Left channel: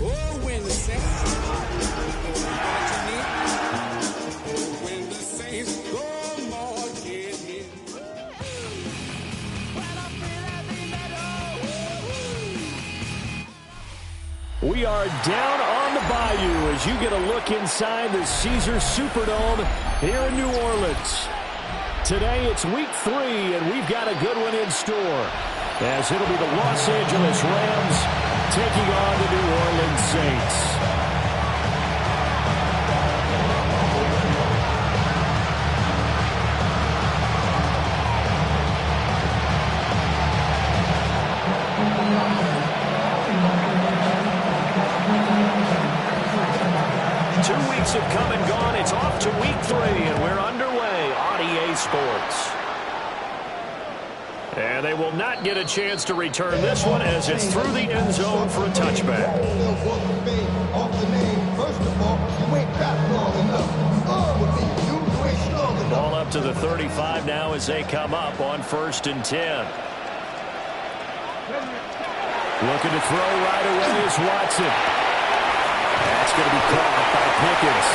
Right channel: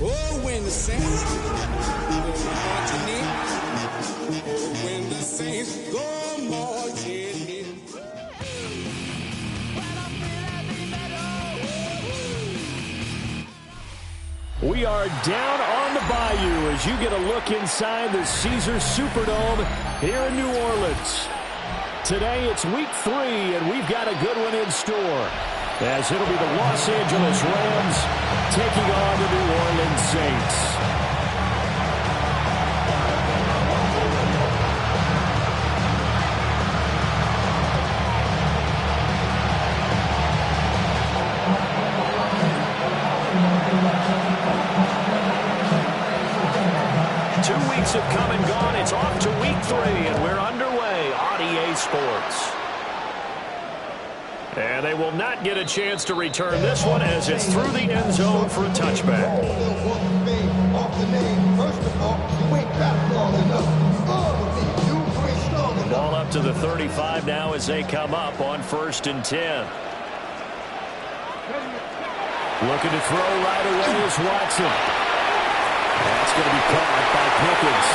Oh, when the saints go marching in. Oh, when the saints go marching in. We are down on the bayou as you get a look inside the Caesars Superdome here in New Orleans. Today it's week 3, and we've got a good one in store, as it'll be the Los Angeles Rams taking on the New Orleans Saints. Two weeks have come and gone. It's off to week 3, and we're underway on EA Sports. And they will not get a chance to return this one as it's through the end zone for a touchback. Ball up to the 35 now as they come up on 1st and 10. Looking to throw right away is Watson. That's going to be caught by Pickens.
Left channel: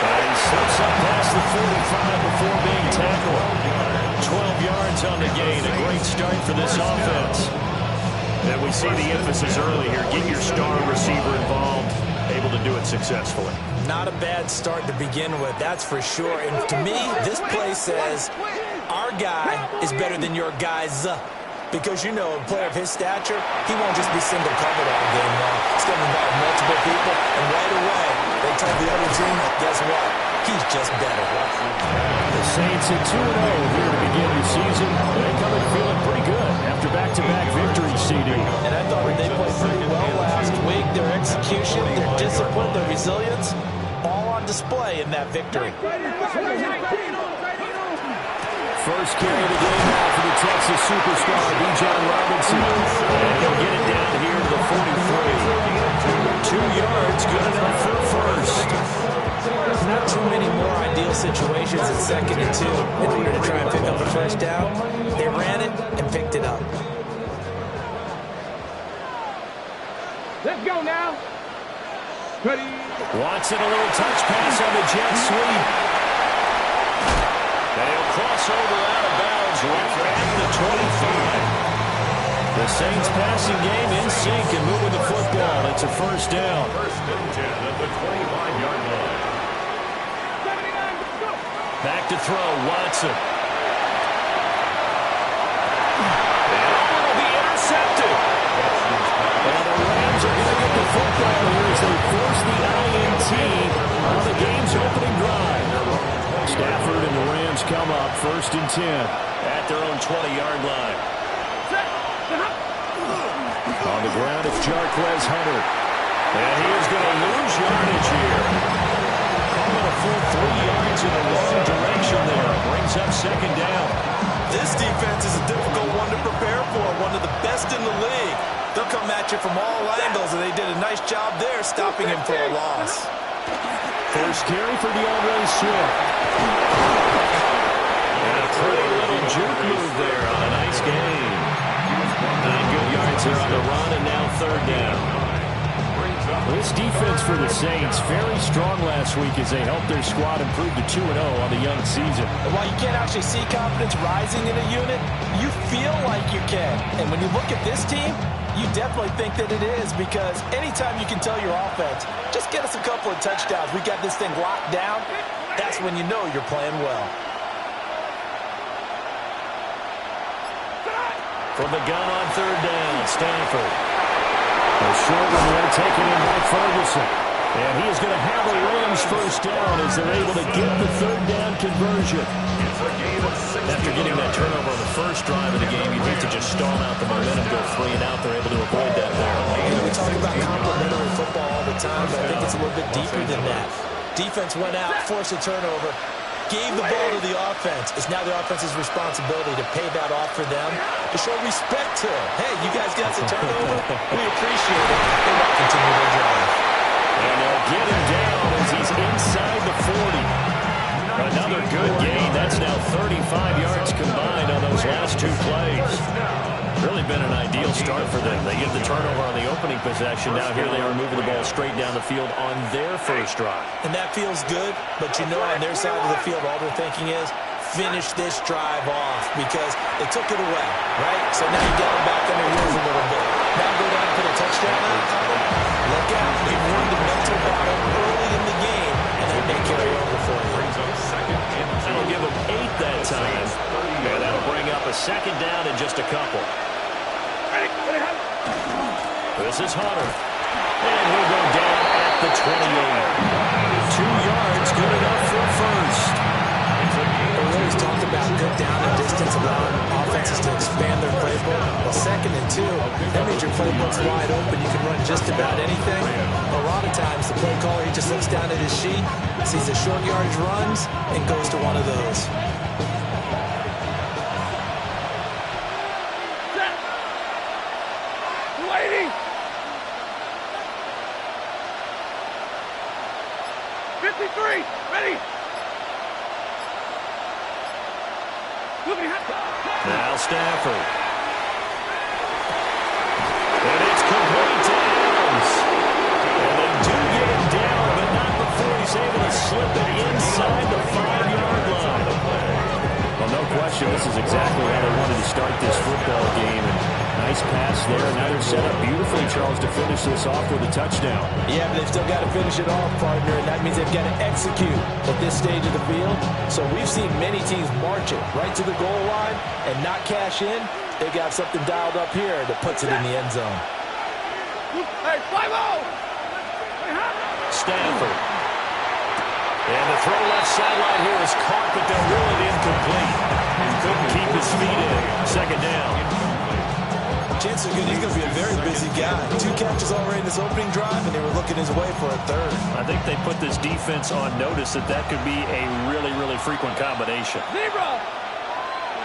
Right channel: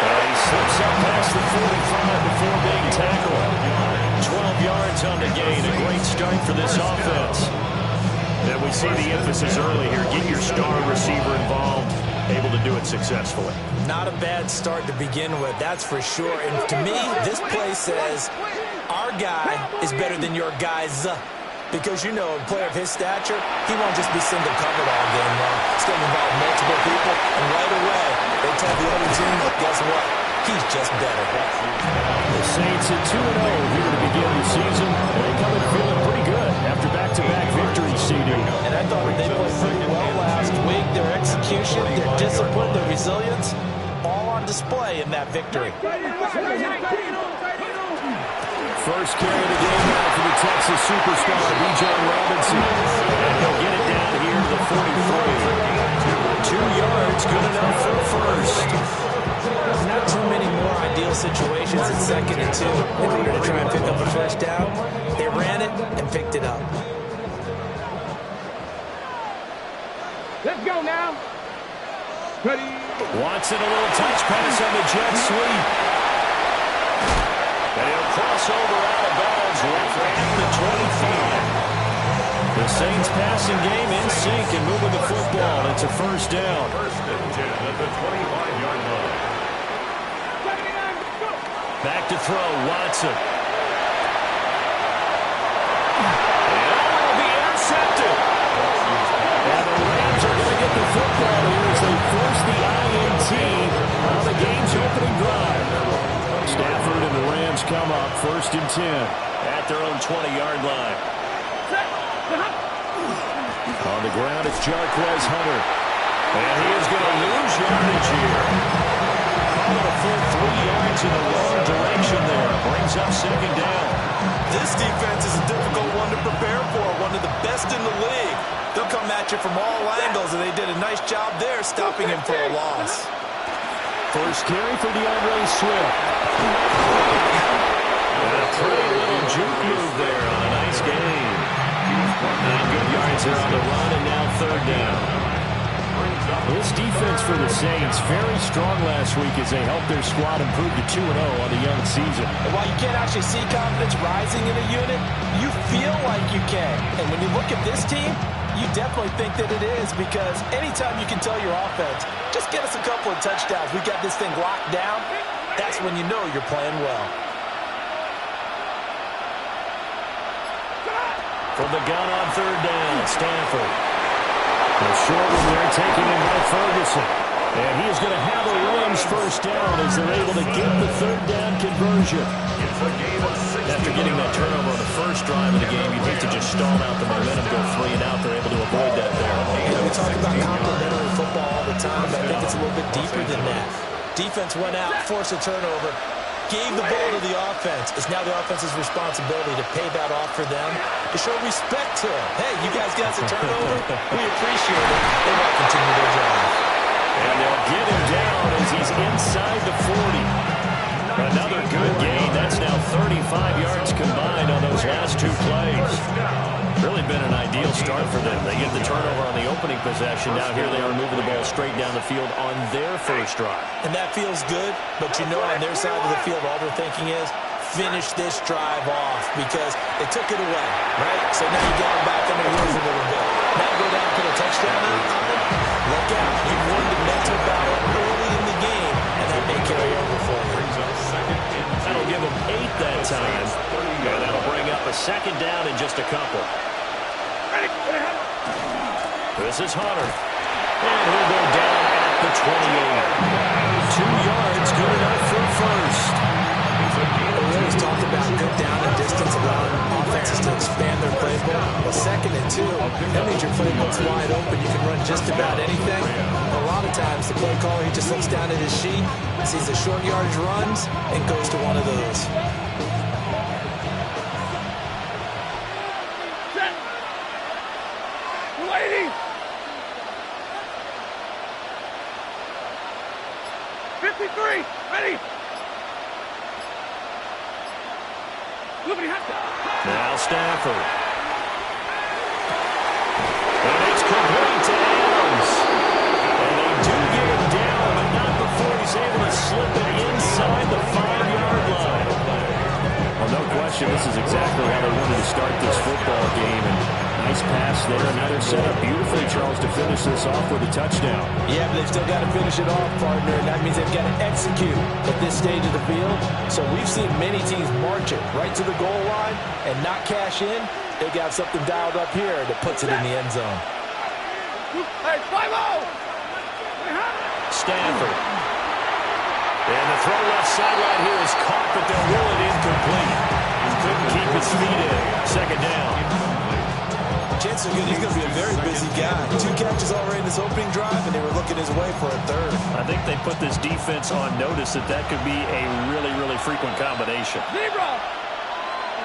And he slips up past the 45 before being tackled. 12 yards on the gain. A great start for this offense. And we see the emphasis early here. Get your star receiver involved. Able to do it successfully. Not a bad start to begin with, that's for sure. And to me, this play says our guy is better than your guy's. Because, you know, a player of his stature, he won't just be single covered all game long. It's going to involve multiple people, and right away, they tell the other team, guess what? He's just better. The Saints at 2-0 here to begin the season. They come in feeling pretty good after back-to-back victories, CD. And I thought they played pretty well last week. Their execution, their discipline, their resilience, all on display in that victory. First carry of the game now for the Texas superstar, Bijan Robinson. And he'll get it down here to the 43. 2 yards, good enough for a first. Not too many more ideal situations at 2nd and 2 in order to try and pick up a first down. They ran it and picked it up. Let's go now. Ready. Watson, a little touch pass on the jet sweep. And he'll cross over out of bounds right at the 25. The Saints passing game in sync and moving the football. It's a first down. 1st and 10 at the 25-yard line. Back to throw, Watson. And it'll be intercepted. And the Rams are going to get the football here as they force the INT on the game's opening drive. Stafford and the Rams come up 1st and 10 at their own 20-yard line. On the ground, it's Jarquez Hunter. And he is going to lose yardage here. Calling a full 3 yards in the wrong direction there. Brings up 2nd down. This defense is a difficult one to prepare for, one of the best in the league. They'll come at you from all angles, and they did a nice job there stopping him for a loss. First carry for DeAndre Swift. And a pretty little juke move there on a nice gain. 9 good yards there on the run, and now 3rd down. This defense for the Saints, very strong last week as they helped their squad improve to 2-0 on the young season. And while you can't actually see confidence rising in a unit, you feel like you can. And when you look at this team, you definitely think that it is, because anytime you can tell your offense, just get us a couple of touchdowns, we got this thing locked down, that's when you know you're playing well. From the gun on 3rd down, Stanford. A short one there taken in by Ferguson. And he is going to have a Rams first down as they're able to get the 3rd down conversion. After getting that turnover on the first drive of the game, you'd hate to just stall out the momentum, go 3 and out. They're able to avoid that there. You know, we talk about complementary football all the time, but I think it's a little bit deeper than that. Defense went out, forced a turnover, gave the ball to the offense. It's now the offense's responsibility to pay that off for them, to show respect to them. Hey, you guys got the turnover? We appreciate it. They want to continue their drive. And they'll get him down as he's inside the 40. Another good gain. That's now 35 yards combined on those last 2 plays. really been an ideal start for them. They get the turnover on the opening possession. Now here they are moving the ball straight down the field on their first drive. And that feels good, but you know on their side of the field, all they're thinking is, finish this drive off because they took it away, right? So now you got them back on their heels a little bit. Now go down and put a touchdown on them. Look out. You've won the mental battle early in the game, and that may carry over for you. That'll give them 8 that time, and that'll bring up a second down in just a couple. This is Hunter, and he'll go down at the 28. 2 yards, good enough for a first. We always talked about good down and distance, allowing offenses to expand their playbook. Well, 2nd and 2, that means your playbook's wide open. You can run just about anything. A lot of times, the play caller, he just looks down at his sheet, sees the short yardage runs, and goes to one of those. Set. Waiting. 53. Ready. Now Stafford. And it's complete to Adams. And they do get him down, but not before he's able to slip it inside the 5-yard line. Well, no question, this is exactly how they wanted to start this football game. And nice pass there. And now they're set up beautifully, Charles, to finish this off with a touchdown. Yeah, but they've still got to finish it off, partner, and that means they've got to execute at this stage of the field. So we've seen many teams march it right to the goal line and not cash in. They got something dialed up here that puts it in the end zone. Hey, 5-0! Stafford. And the throw left sideline here is caught, but they'll rule it incomplete. He couldn't keep his feet in. Second down. Chances are good he's going to be a very busy guy. 2 catches already in this opening drive, and they were looking his way for a 3rd. I think they put this defense on notice that could be a really, really frequent combination. Zebra.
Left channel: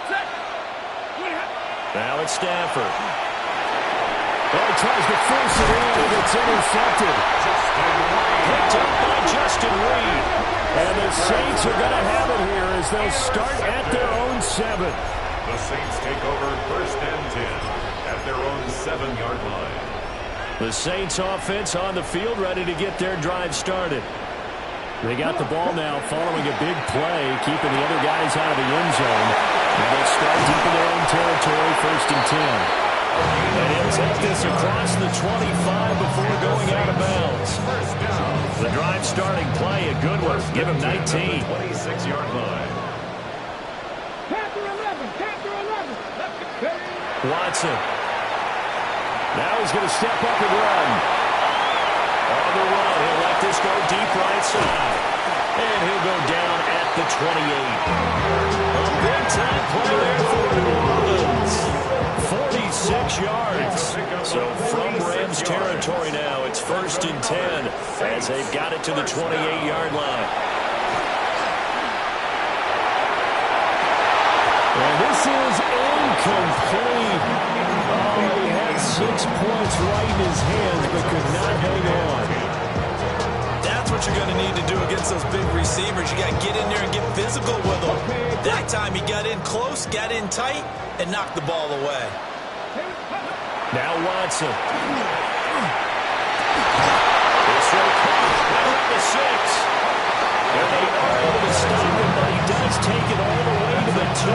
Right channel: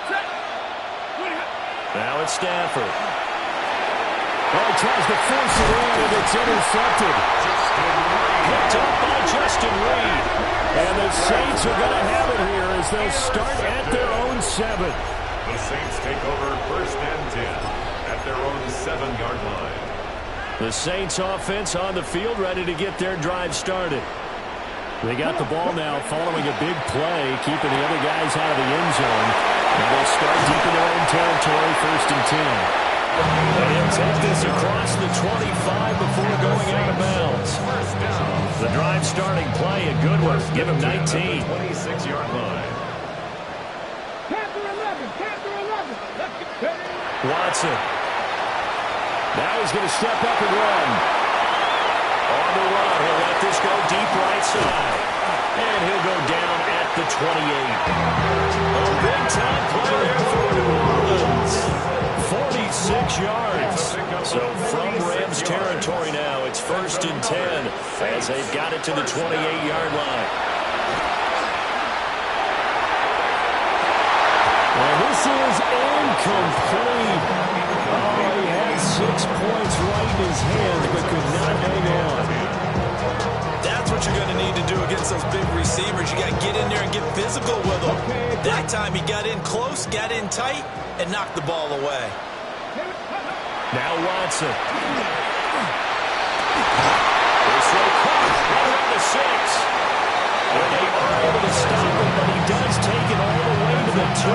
Set. Now it's Stafford. Oh, he tries to force it in, and it's intercepted. Picked up by Justin Reed. And the Saints are going to have it here as they'll start at their own 7. The Saints take over 1st and 10 at their own 7-yard line. The Saints offense on the field, ready to get their drive started. They got the ball now following a big play, keeping the other guys out of the end zone. And they'll start deep in their own territory, 1st and 10. And he'll take this across the 25 before going out of bounds. The drive starting play, a good one. Give him 19. 26-yard line. Panther 11. Panther 11. Watson. Now he's going to step up and run. On the run, he'll let this go deep right side. And he'll go down at the 28. A big-time play there for New Orleans. 46 yards. So from Rams territory now, it's 1st and 10 as they've got it to the 28-yard line. And this is incomplete. Oh, he had 6 points right in his hands, but could not hang on. That's what you're going to need to do against those big receivers. You got to get in there and get physical with them. That time he got in close, got in tight, and knocked the ball away. Now Watson. This throw caught right around the 6. And they are able to stop him, but he does take it all the way to the 2.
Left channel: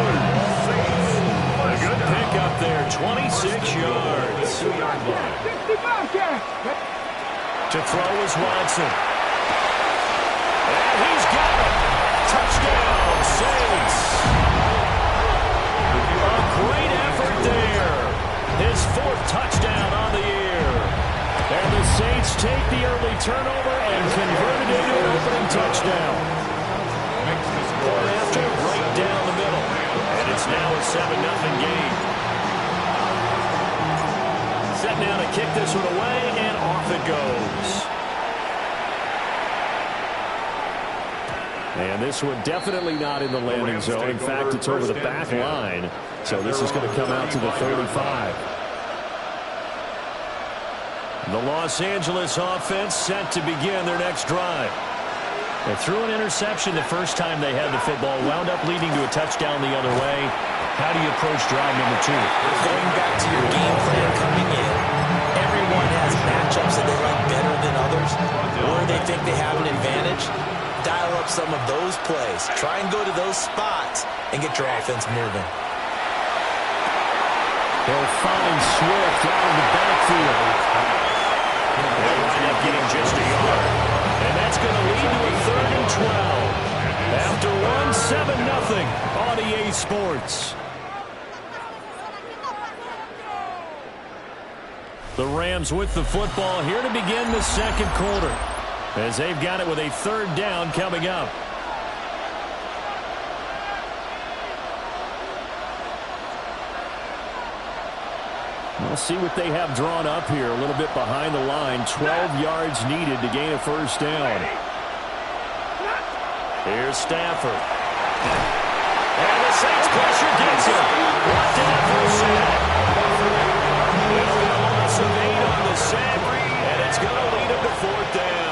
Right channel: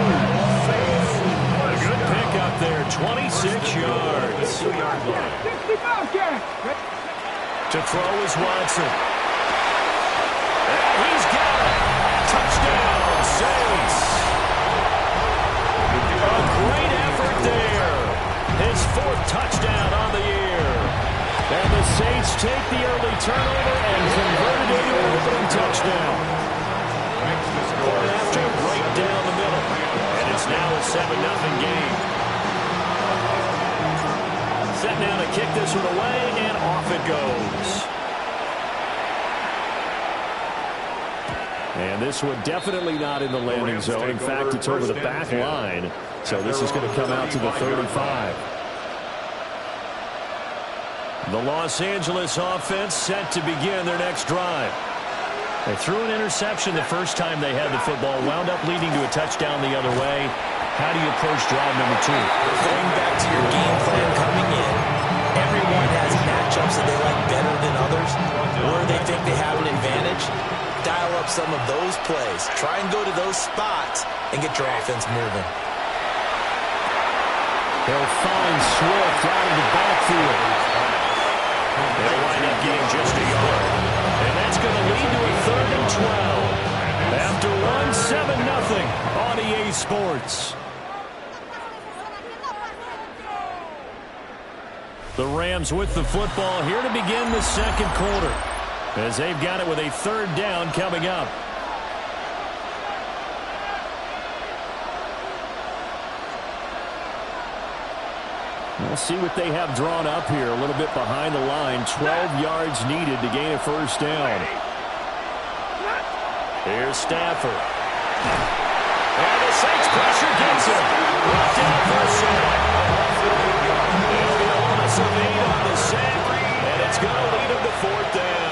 A good pickup there, 26 yards. 2-yard line. To throw is Watson. And he's got him. Touchdown, Saints. A great effort there. His 4th touchdown on the year. And the Saints take the early turnover and convert it into an opening touchdown. Point after right down the middle. And it's now a 7-0 game. Set now to kick this one away, and off it goes. And this one definitely not in the landing zone. In fact, it's over the back line. So this is going to come out to the 35. The Los Angeles offense set to begin their next drive. They threw an interception the first time they had the football, wound up leading to a touchdown the other way. How do you approach drive number 2? Going back to your game plan coming in, everyone has matchups that they like better than others, or they think they have an advantage. Dial up some of those plays. Try and go to those spots and get your offense moving. They'll find Swift out of the backfield. They'll wind up getting just a yard. And that's going to lead to a 3rd and 12. After 7-0 on EA Sports. The Rams with the football here to begin the second quarter, as they've got it with a 3rd down coming up. We'll see what they have drawn up here. A little bit behind the line. 12 yards needed to gain a 1st down. Here's Stafford. And the Saints pressure gets him. Brought down for a sack. It'll be a loss of 8 on the sack, and it's going to lead him to 4th down.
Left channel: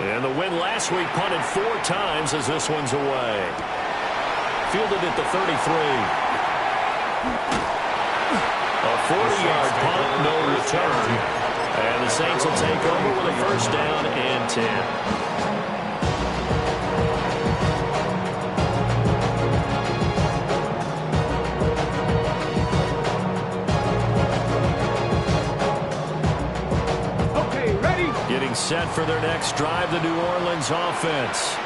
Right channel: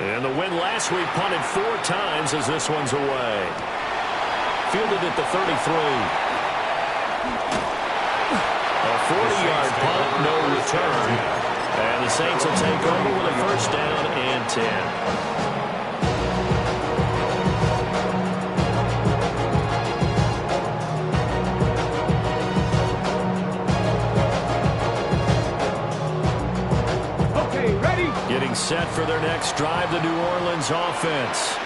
And the win last week punted 4 times as this one's away. Fielded at the 33. A 40-yard punt, no return. And the Saints will take over with a 1st down and 10. Getting set for their next drive, the New Orleans offense.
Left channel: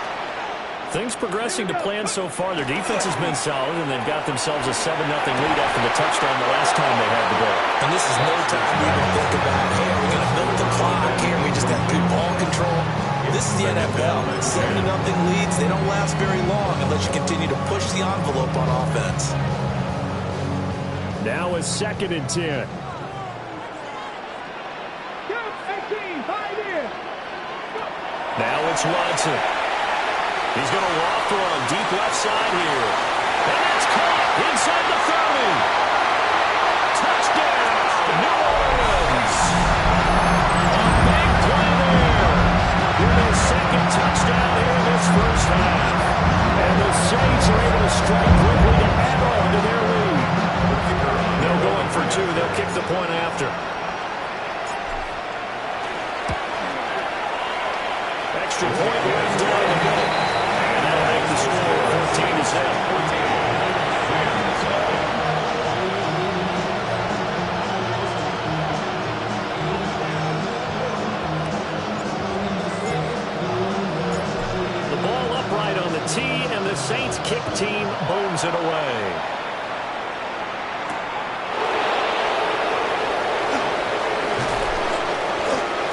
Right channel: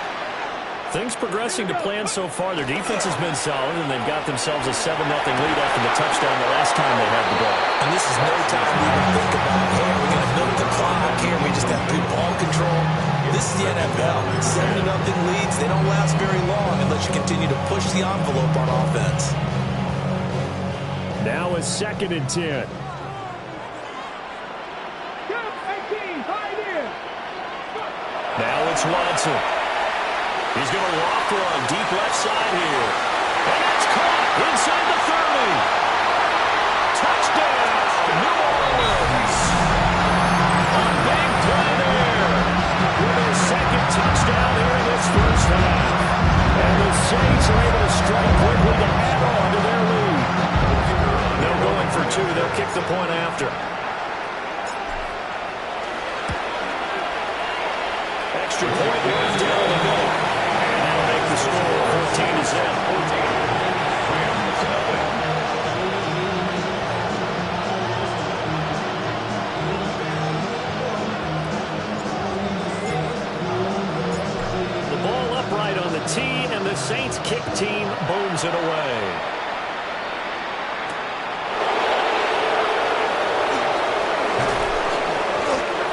Things progressing to plan so far. Their defense has been solid, and they've got themselves a 7-0 lead after the touchdown the last time they had the ball. And this is no time to even think about, hey, are we going to milk the clock? Hey, we just got good ball control? This is the NFL. 7-0 leads, they don't last very long unless you continue to push the envelope on offense. Now a 2nd and 10. Now it's Watson. He's going to loft one deep left side here. And that's caught inside the 30. Touchdown, New Orleans. A big play there with his 2nd touchdown here in this 1st half. And the Saints are able to strike quickly to add on to their lead. They'll go in for 2. They'll kick the point after. Extra point right down the middle. And that'll make the score 14-0. The ball upright on the tee, and the Saints kick team booms it away.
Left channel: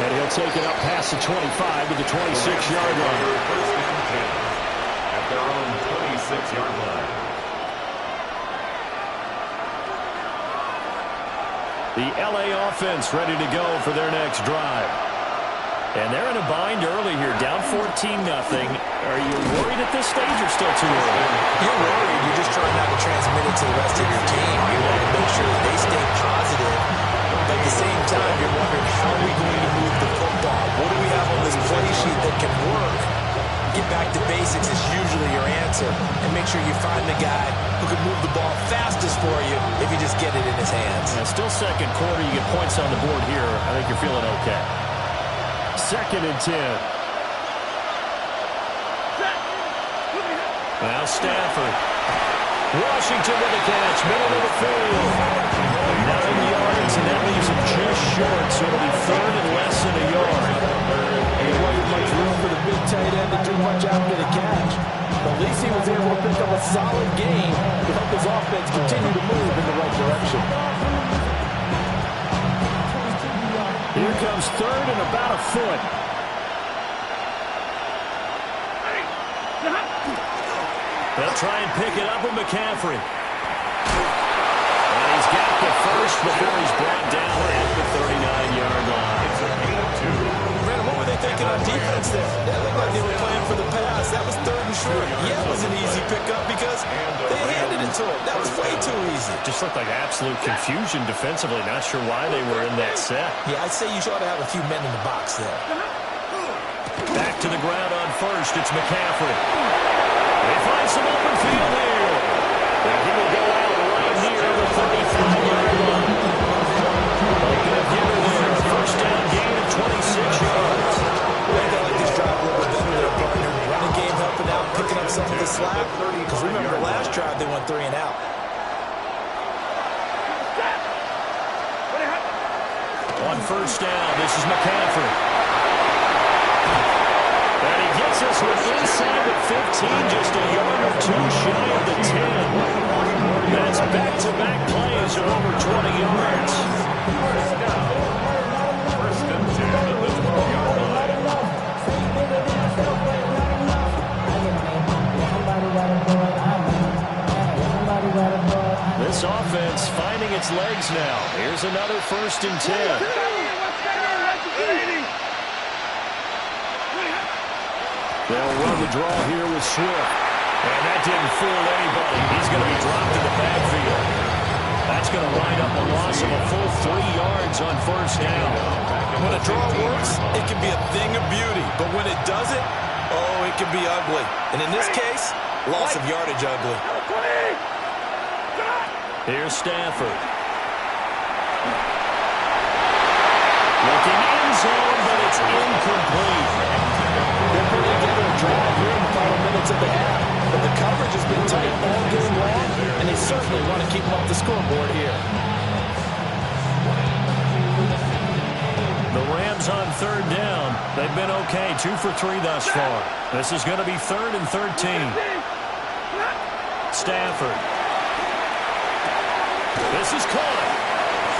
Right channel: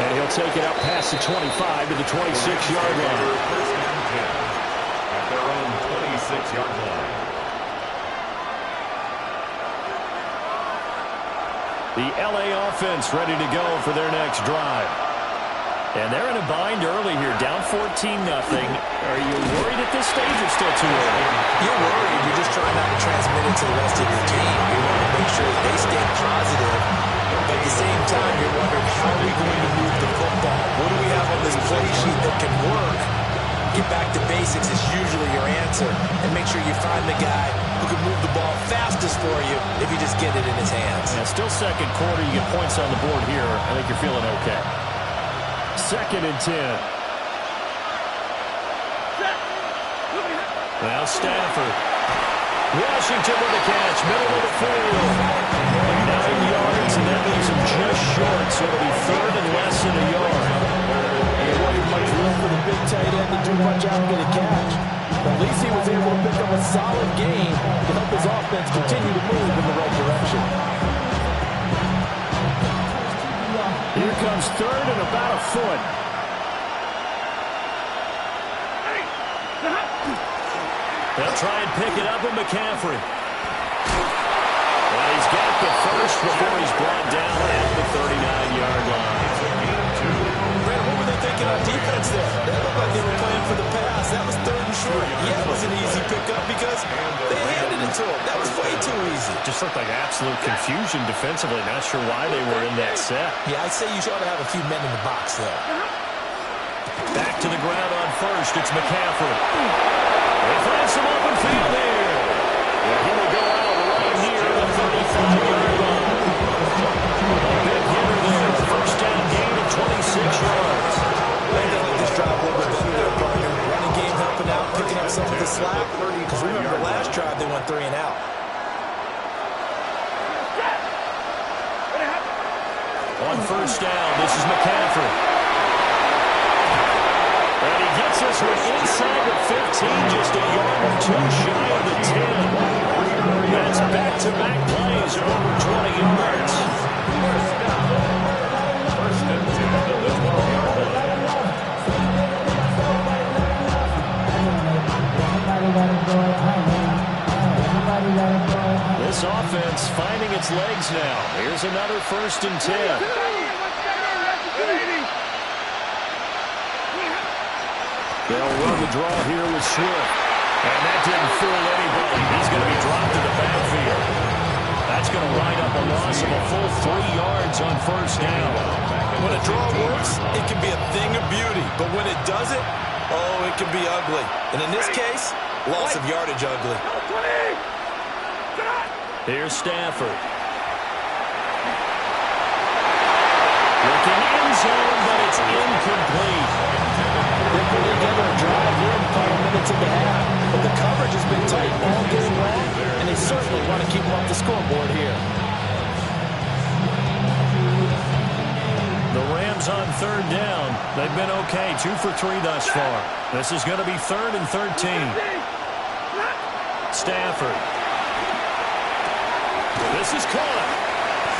And he'll take it up past the 25 to the 26-yard line. 1st and 10 at their own 26-yard line. The LA offense ready to go for their next drive. And they're in a bind early here, down 14-0. Are you worried at this stage or still too early? You're worried. You're just trying not to transmit it to the rest of your team. You want to make sure that they stay positive. But at the same time, you're wondering, how are we going to move the football? What do we have on this play sheet that can work? Get back to basics is usually your answer. And make sure you find the guy who can move the ball fastest for you if you just get it in his hands. Yeah, still second quarter. You get points on the board here. I think you're feeling okay. 2nd and 10. Now Stafford. Washington with a catch, middle of the field. 9 yards, and that leaves him just short, so it'll be 3rd and less than a yard. There wasn't much room for the big tight end to do much after the catch. But at least he was able to pick up a solid gain to help his offense continue to move in the right direction. Here comes 3rd and about a foot. They'll try and pick it up with McCaffrey. And he's got the first before he's brought down at the 39-yard line. It's a gain of 2. Brandon, what were they thinking on defense there? That looked like they were playing for the pass. That was 3rd and short. Yeah, it was an easy pickup because they handed it to him. That was way too easy. Just looked like absolute confusion defensively. Not sure why they were in that set. Yeah, I'd say you ought to have a few men in the box there. Back to the ground on first. It's McCaffrey. They find some open field here. Yeah, he will go out right here at the 35-yard line. A big hitter there. First down gain of 26 yards. I think they like this drive a little bit better there, partner. Running game helping out, picking up some of the slack. Because remember, the last drive they went 3 and out. On first down, this is McCaffrey. And he gets this one inside the 15, just a yard or two shy of the 10. That's back-to-back plays of over 20 yards. First and 10 at the 12-yard line. This offense finding its legs now. Here's another first and 10. They'll run the draw here with Swift. And that didn't fool anybody. He's going to be dropped in the backfield. That's going to wind up a loss of a full 3 yards on first down. When a draw works, it can be a thing of beauty. But when it doesn't, oh, it can be ugly. And in this case, loss of yardage ugly. Here's Stafford. Looking end zone, but it's incomplete. They're putting together a drive here in the final minutes of the half. But the coverage has been tight all game long, and they certainly want to keep them off the scoreboard here. The Rams on third down. They've been okay, 2 for 3 thus far. This is going to be 3rd and 13. Stafford. This is caught.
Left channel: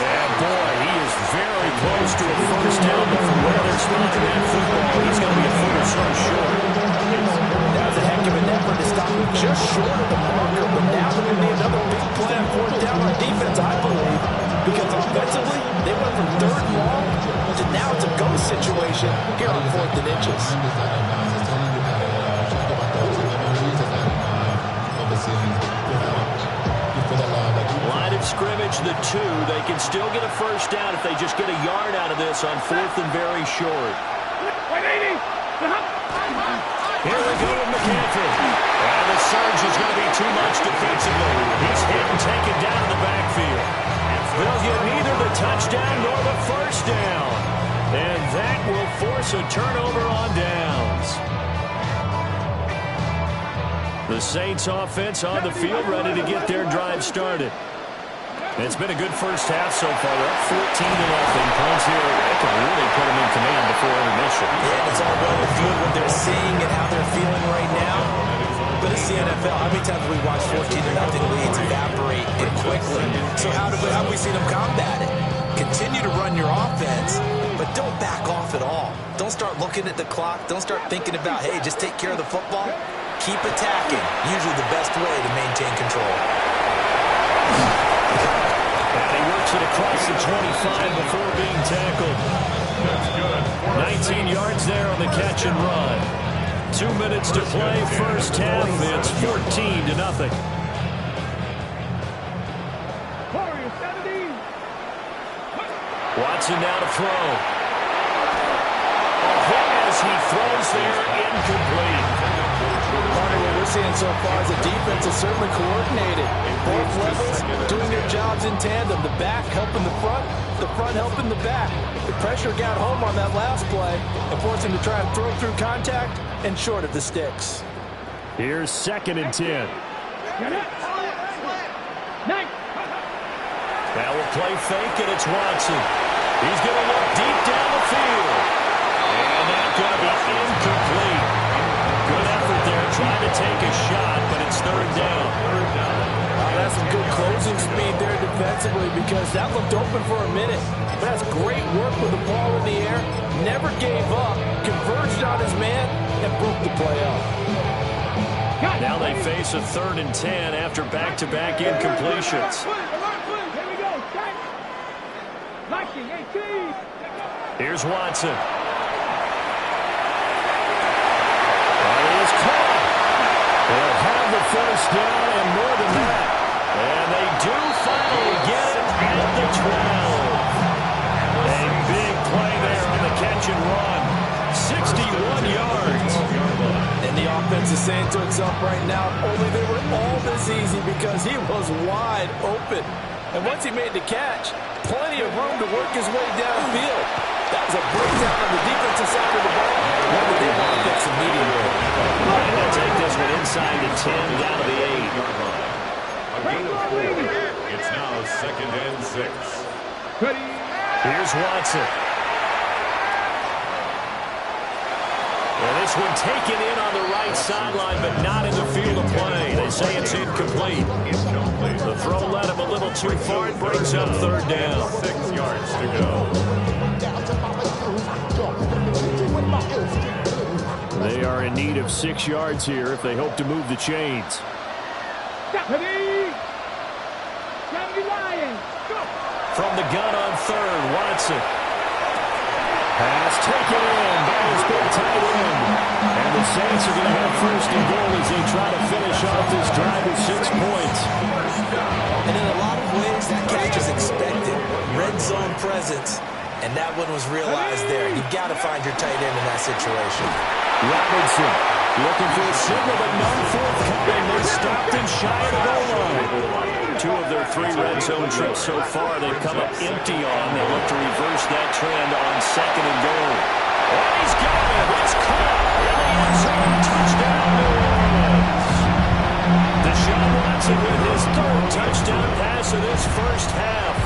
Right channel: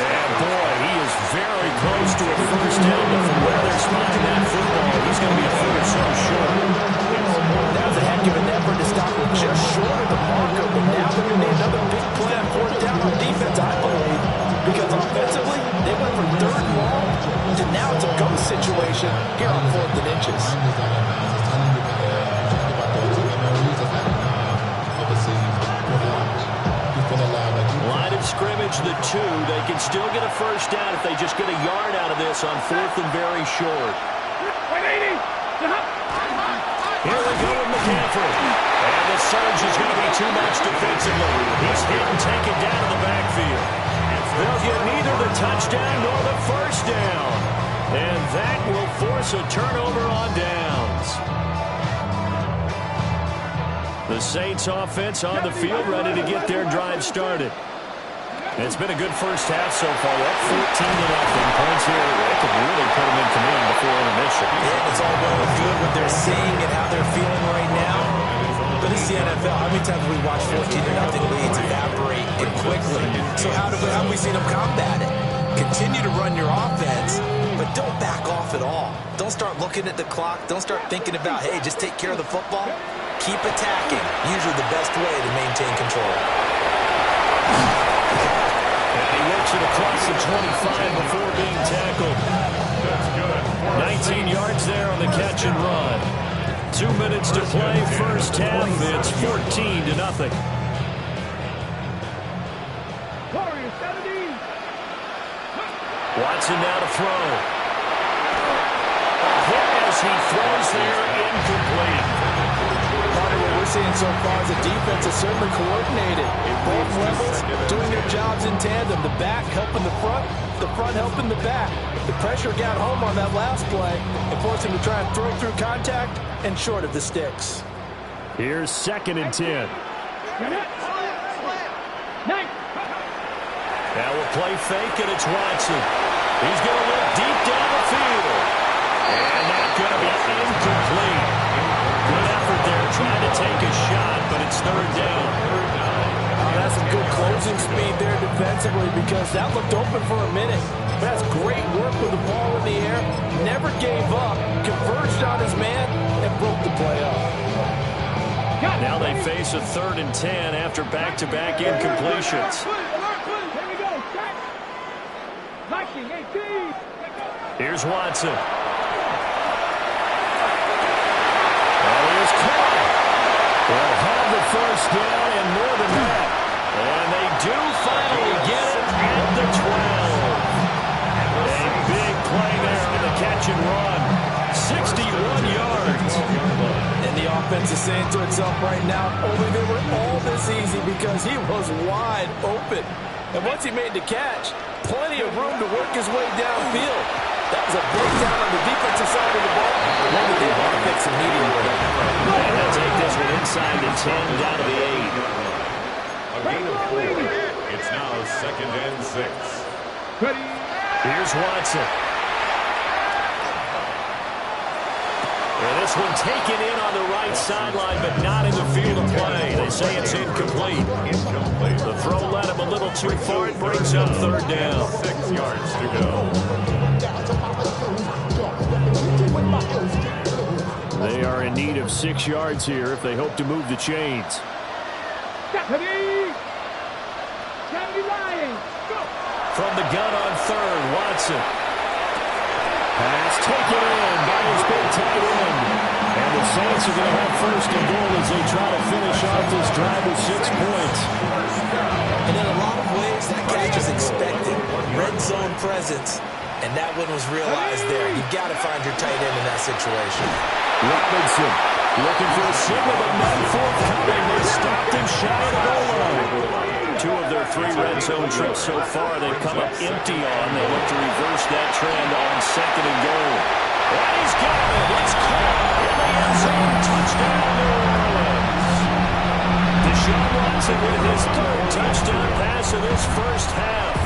And boy, he is very close to a first down, but from where they're spotting that football, he's going to be a foot or so short. That was a heck of an effort to stop him just short of the marker, but now they're going to need another big play on 4th down on defense, I believe, because offensively, they went from 3rd and long to now it's a go situation here on 4th and inches. Line of scrimmage, the 2. They can still get a first down if they just get a yard out of this on 4th and very short. Here we go with McCaffrey. And the surge is going to be too much defensively. He's hit and taken down in the backfield. They'll get neither the touchdown nor the first down. And that will force a turnover on downs. The Saints offense on the field ready to get their drive started. It's been a good first half so far. They're up 14-0. Points here. They can really put them in command before intermission. Yeah, it's all well and good what they're seeing and how they're feeling right now. But it's the NFL. How many times have we watched 14-0 leads evaporate and quickly? So how have we seen them combat it? Continue to run your offense, but don't back off at all. Don't start looking at the clock. Don't start thinking about, hey, just take care of the football. Keep attacking. Usually the best way to maintain control. And he works it across the 25 before being tackled. That's good. 19 yards there on the catch and run. 2 minutes to play, first half. It's 14-0. Watson now to throw. A hit as he throws there, incomplete. Part of what we're seeing so far is the defense is certainly coordinated. Both levels doing their jobs in tandem. The back helping the front helping the back. The pressure got home on that last play and forced him to try and throw through contact and short of the sticks. Here's 2nd and 10. Now we'll play fake, and it's Watson. He's going to look deep down the field. And that's going to be incomplete. Good effort there, trying to take a shot, but it's 3rd down. That's some good closing speed there defensively because that looked open for a minute. But that's great work with the ball in the air. Never gave up, converged on his man, and broke the play up. Now they face a 3rd and 10 after back-to-back incompletions. Here's Watson. That is caught. They'll have the first down and more than that. And they do finally get it at the 12. A big play there on the catch and run. 61 yards. And the offense is saying to itself right now, only they were all this easy because he was wide open. And once he made the catch, plenty of room to work his way downfield. That was a breakdown on the defensive side of the ball. One that they want to fix immediately. And they'll take this one inside the 10, down to the 8. A gain of 4. It's now 2nd and 6. Here's Watson. And this one taken in on the right sideline, but not in the field of play. They say it's incomplete. The throw led him a little too far. It brings up 3rd down. 6 yards to go. They are in need of 6 yards here if they hope to move the chains. From the gun on 3rd, Watson. Pass taken in by his big tight end. And the Saints are going to have 1st and goal as they try to finish off this drive with 6 points. And in a lot of ways, that catch is expected. Red zone presence. And that one was realized there. You've got to find your tight end in that situation. Robinson looking for a signal, but none forthcoming. They stopped him shy of the goal line. 2 of their 3 red zone trips so far they've come up empty on. They'll look to reverse that trend on 2nd and goal. And he's got it. It's caught in the end zone. Touchdown, New Orleans. Deshaun Watson with his 3rd touchdown pass of this first half.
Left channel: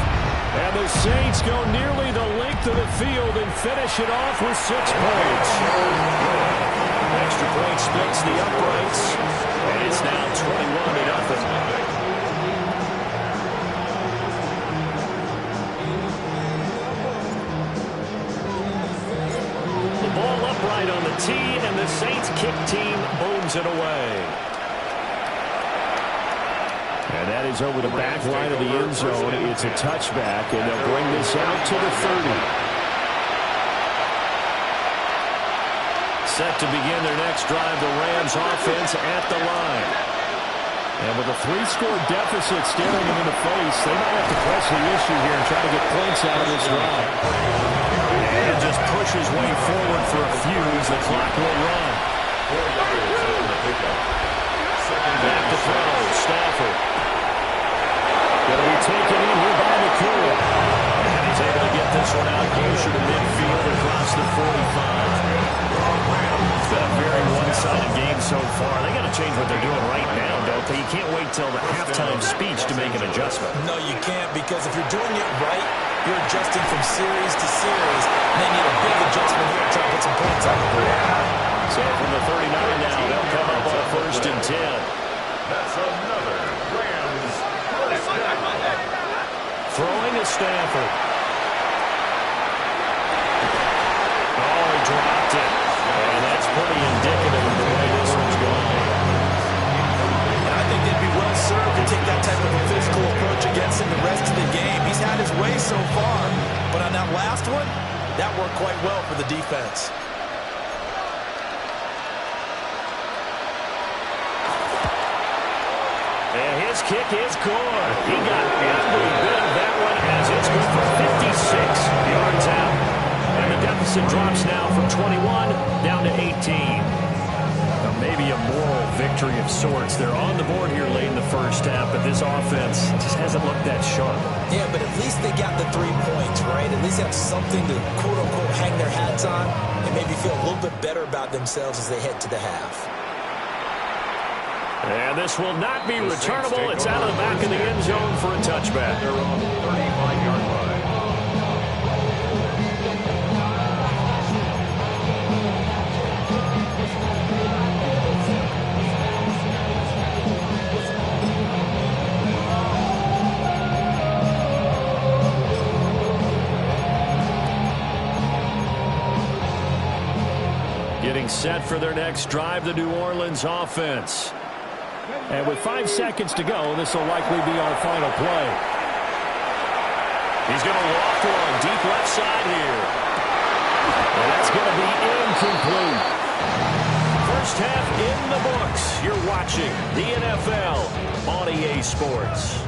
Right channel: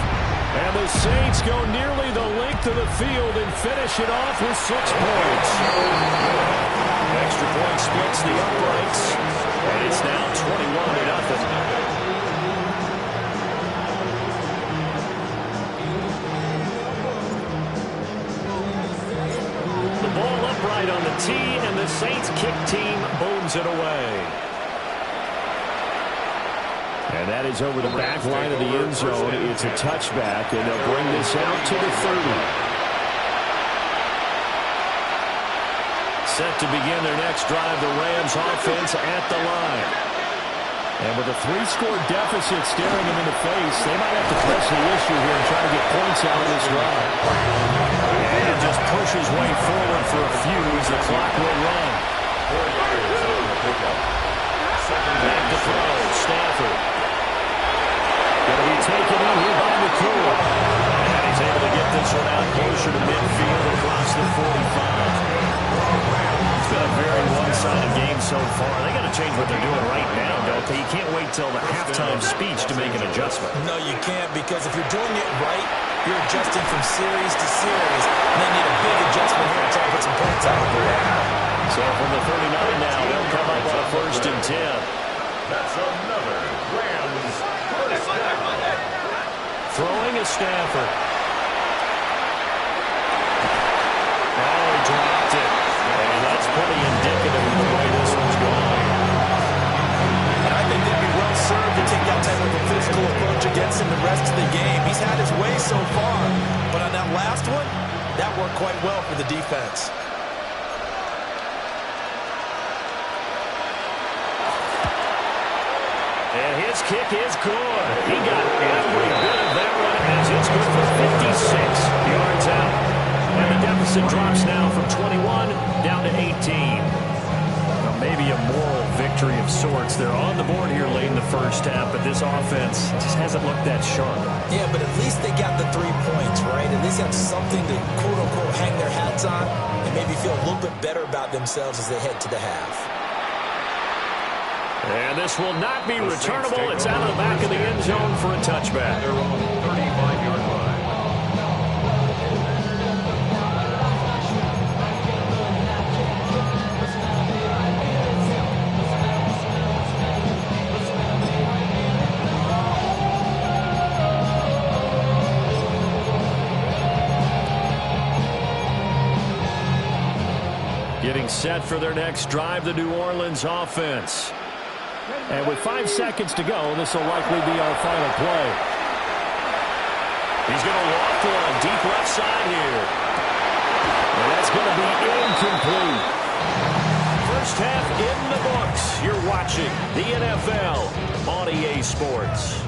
And the Saints go nearly the length of the field and finish it off with 6 points. Extra point splits the uprights. And it's now 21-0. Ball upright on the tee, and the Saints kick team booms it away. And that is over the back line of the end zone. It's a touchback, and they'll bring this out to the 30. Set to begin their next drive, the Rams offense at the line. And with a 3-score deficit staring them in the face, they might have to press the issue here and try to get points out of this drive. And just push his way forward for a few as the clock will run. 4 yards on the pickup. Back to throw, Stafford. Going to be taken in here by McCool. And he's able to get this one out closer to midfield across the 45. It's been a very one-sided game so far. They got to change what they're doing right now, don't they? You can't wait till the halftime speech to make an adjustment. No, you can't, because if you're doing it right, you're adjusting from series to series, and they need a big adjustment here to try to put some points on the board. So from the 39 now, they'll come up on a 1st and 10. That's another Rams first down. Throwing to Stafford. Oh, he dropped it. And that's pretty indicative of the way this one's going. And I think they'd be well served to take that type of a physical approach against him the rest of the game. He's had his way so far, but on that last one, that worked quite well for the defense. And his kick is good. He got every bit of that one as it's good for 56 yards out. And the deficit drops now from 21 down to 18. Now maybe a moral victory of sorts. They're on the board here late in the first half, but this offense just hasn't looked that sharp. Yeah, but at least they got the 3 points, right? At least have something to, quote-unquote, hang their hats on and maybe feel a little bit better about themselves as they head to the half. And this will not be returnable. It's out of the back of the end zone for a touchback. They're on the 35-yard line. Getting set for their next drive, the New Orleans offense. And with 5 seconds to go, this will likely be our final play. He's going to loft one deep left side here. And that's going to be incomplete. First half in the books. You're watching the NFL on EA Sports.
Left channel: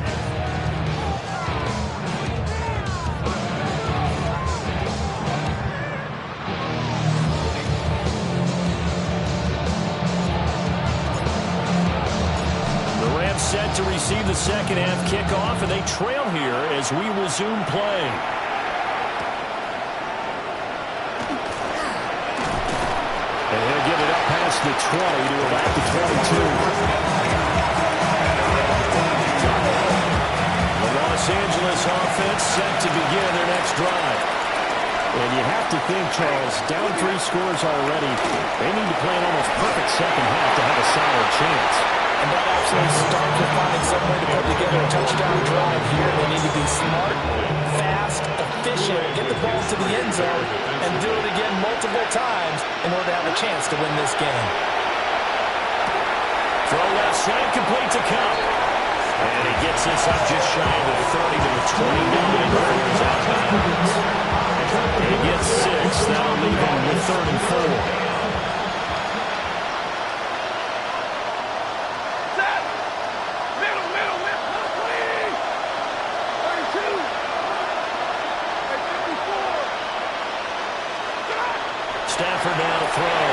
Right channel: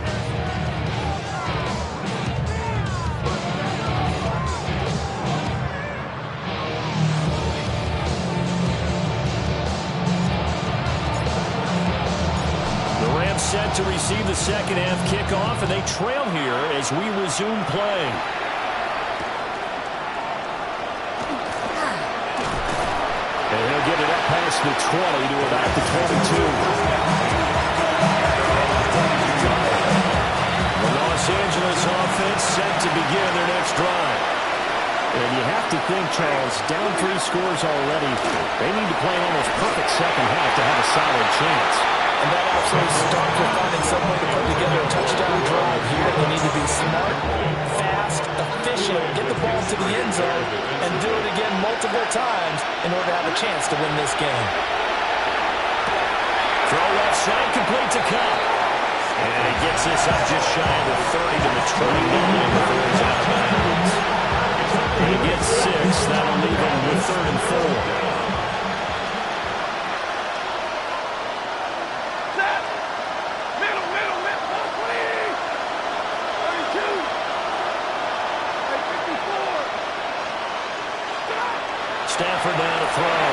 The Rams set to receive the second half kickoff, and they trail here as we resume play. And he'll get it up past the 20 to about the 22. The Los Angeles offense set to begin their next drive. And you have to think, Charles, down 3 scores already. They need to play an almost perfect second half to have a solid chance. And that absolutely starts with finding some way to put together a touchdown drive here. They need to be smart, fast, efficient, get the ball to the end zone, and do it again multiple times in order to have a chance to win this game. Throw left side, complete to Kupp. And he gets this up just shy of the 30 to the 29 before he's out of bounds. He gets 6. That'll leave him with 3rd and 4. Stafford now to throw.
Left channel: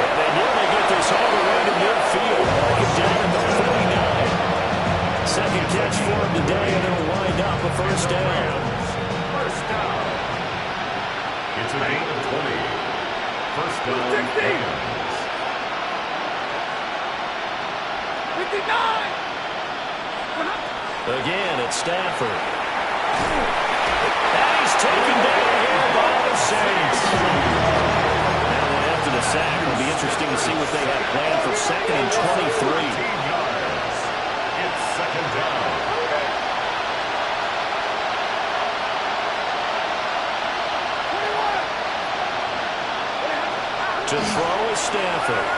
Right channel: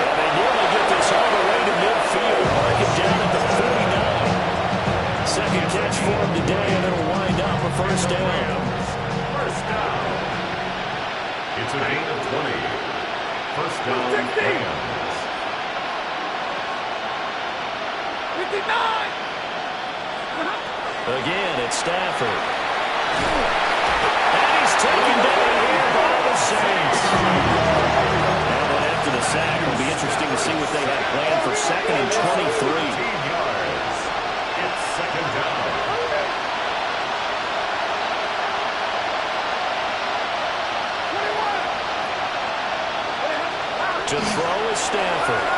And they nearly get this all the way to midfield. Mark it down at the 49. Second catch for him today, and it'll wind up a first down. First down. It's a gain of 20. First down, Rams. 59. Again, it's Stafford. And he's taken down here by the Saints. Now then, after the sack, it'll be interesting to see what they have planned for 2nd and 23. 14 yards. It's second down. To throw is Stafford.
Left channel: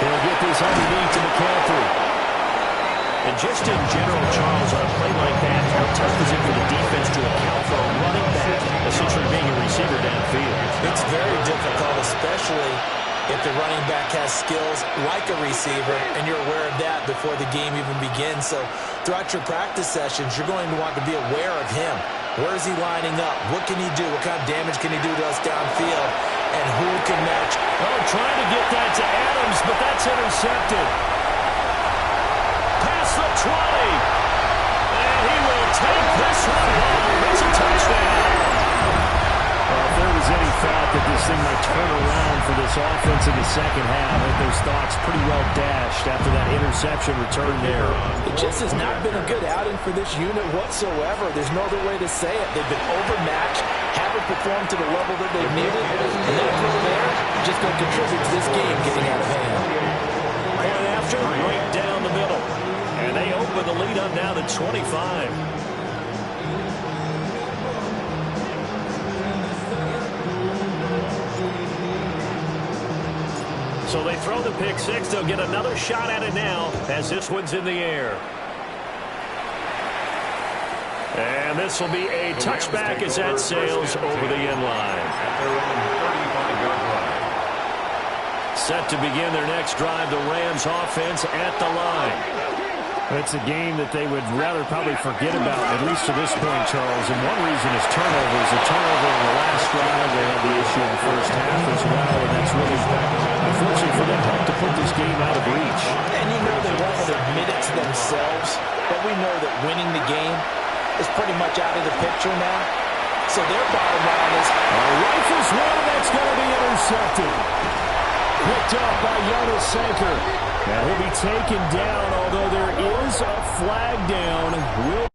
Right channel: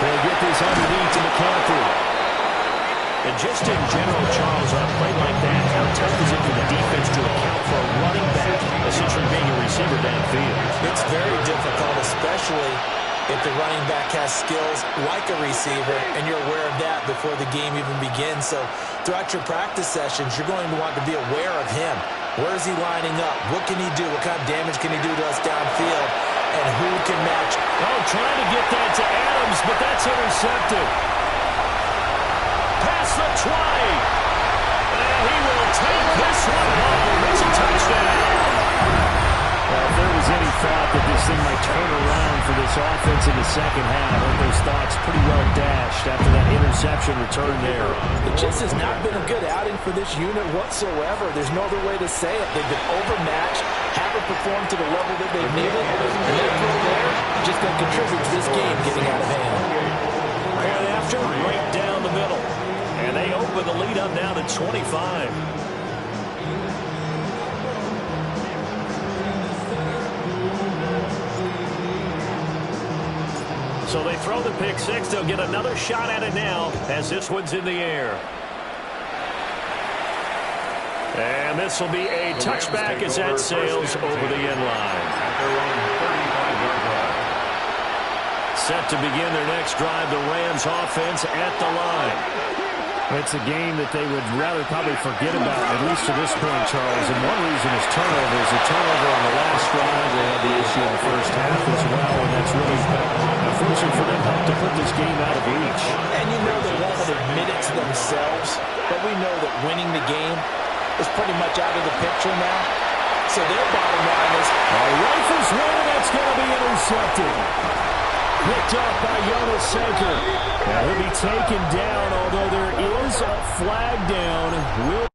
He'll get this underneath to McCaffrey. And just in general, Charles, on a play like that, how tough is it for the defense to account for a running back essentially being a receiver downfield? It's very difficult, especially if the running back has skills like a receiver, and you're aware of that before the game even begins. So throughout your practice sessions, you're going to want to be aware of him. Where is he lining up? What can he do? What kind of damage can he do to us downfield? And who can match? Oh, trying to get that to Adams, but that's intercepted. Past the 20. And he will take this one home. It's a touchdown. Well, if there was any thought that this thing might turn around for this offense in the second half, I think those thoughts pretty well dashed after that interception return there. It just has not been a good outing for this unit whatsoever. There's no other way to say it. They've been overmatched, haven't performed to the level that they've needed, and that throw there just going to contribute to this game getting out of hand. Point after, right down the middle. And they open the lead up now to 25. So they throw the pick six. They'll get another shot at it now as this one's in the air. And this will be a touchback as that sails over the end line. At their own 35-yard line. Set to begin their next drive, the Rams offense at the line. It's a game that they would rather probably forget about, at least to this point, Charles. And one reason is turnovers. A turnover on the last drive. They had the issue in the first half as well, and that's really, unfortunately for them, helped to put this game out of reach. And you know they won't admit it to themselves, but we know that winning the game is pretty much out of the picture now. So their bottom line is... Rifles one, and that's going to be intercepted. Picked up by Jonas Sanker. Now he'll be taken down, although there is a flag down. Will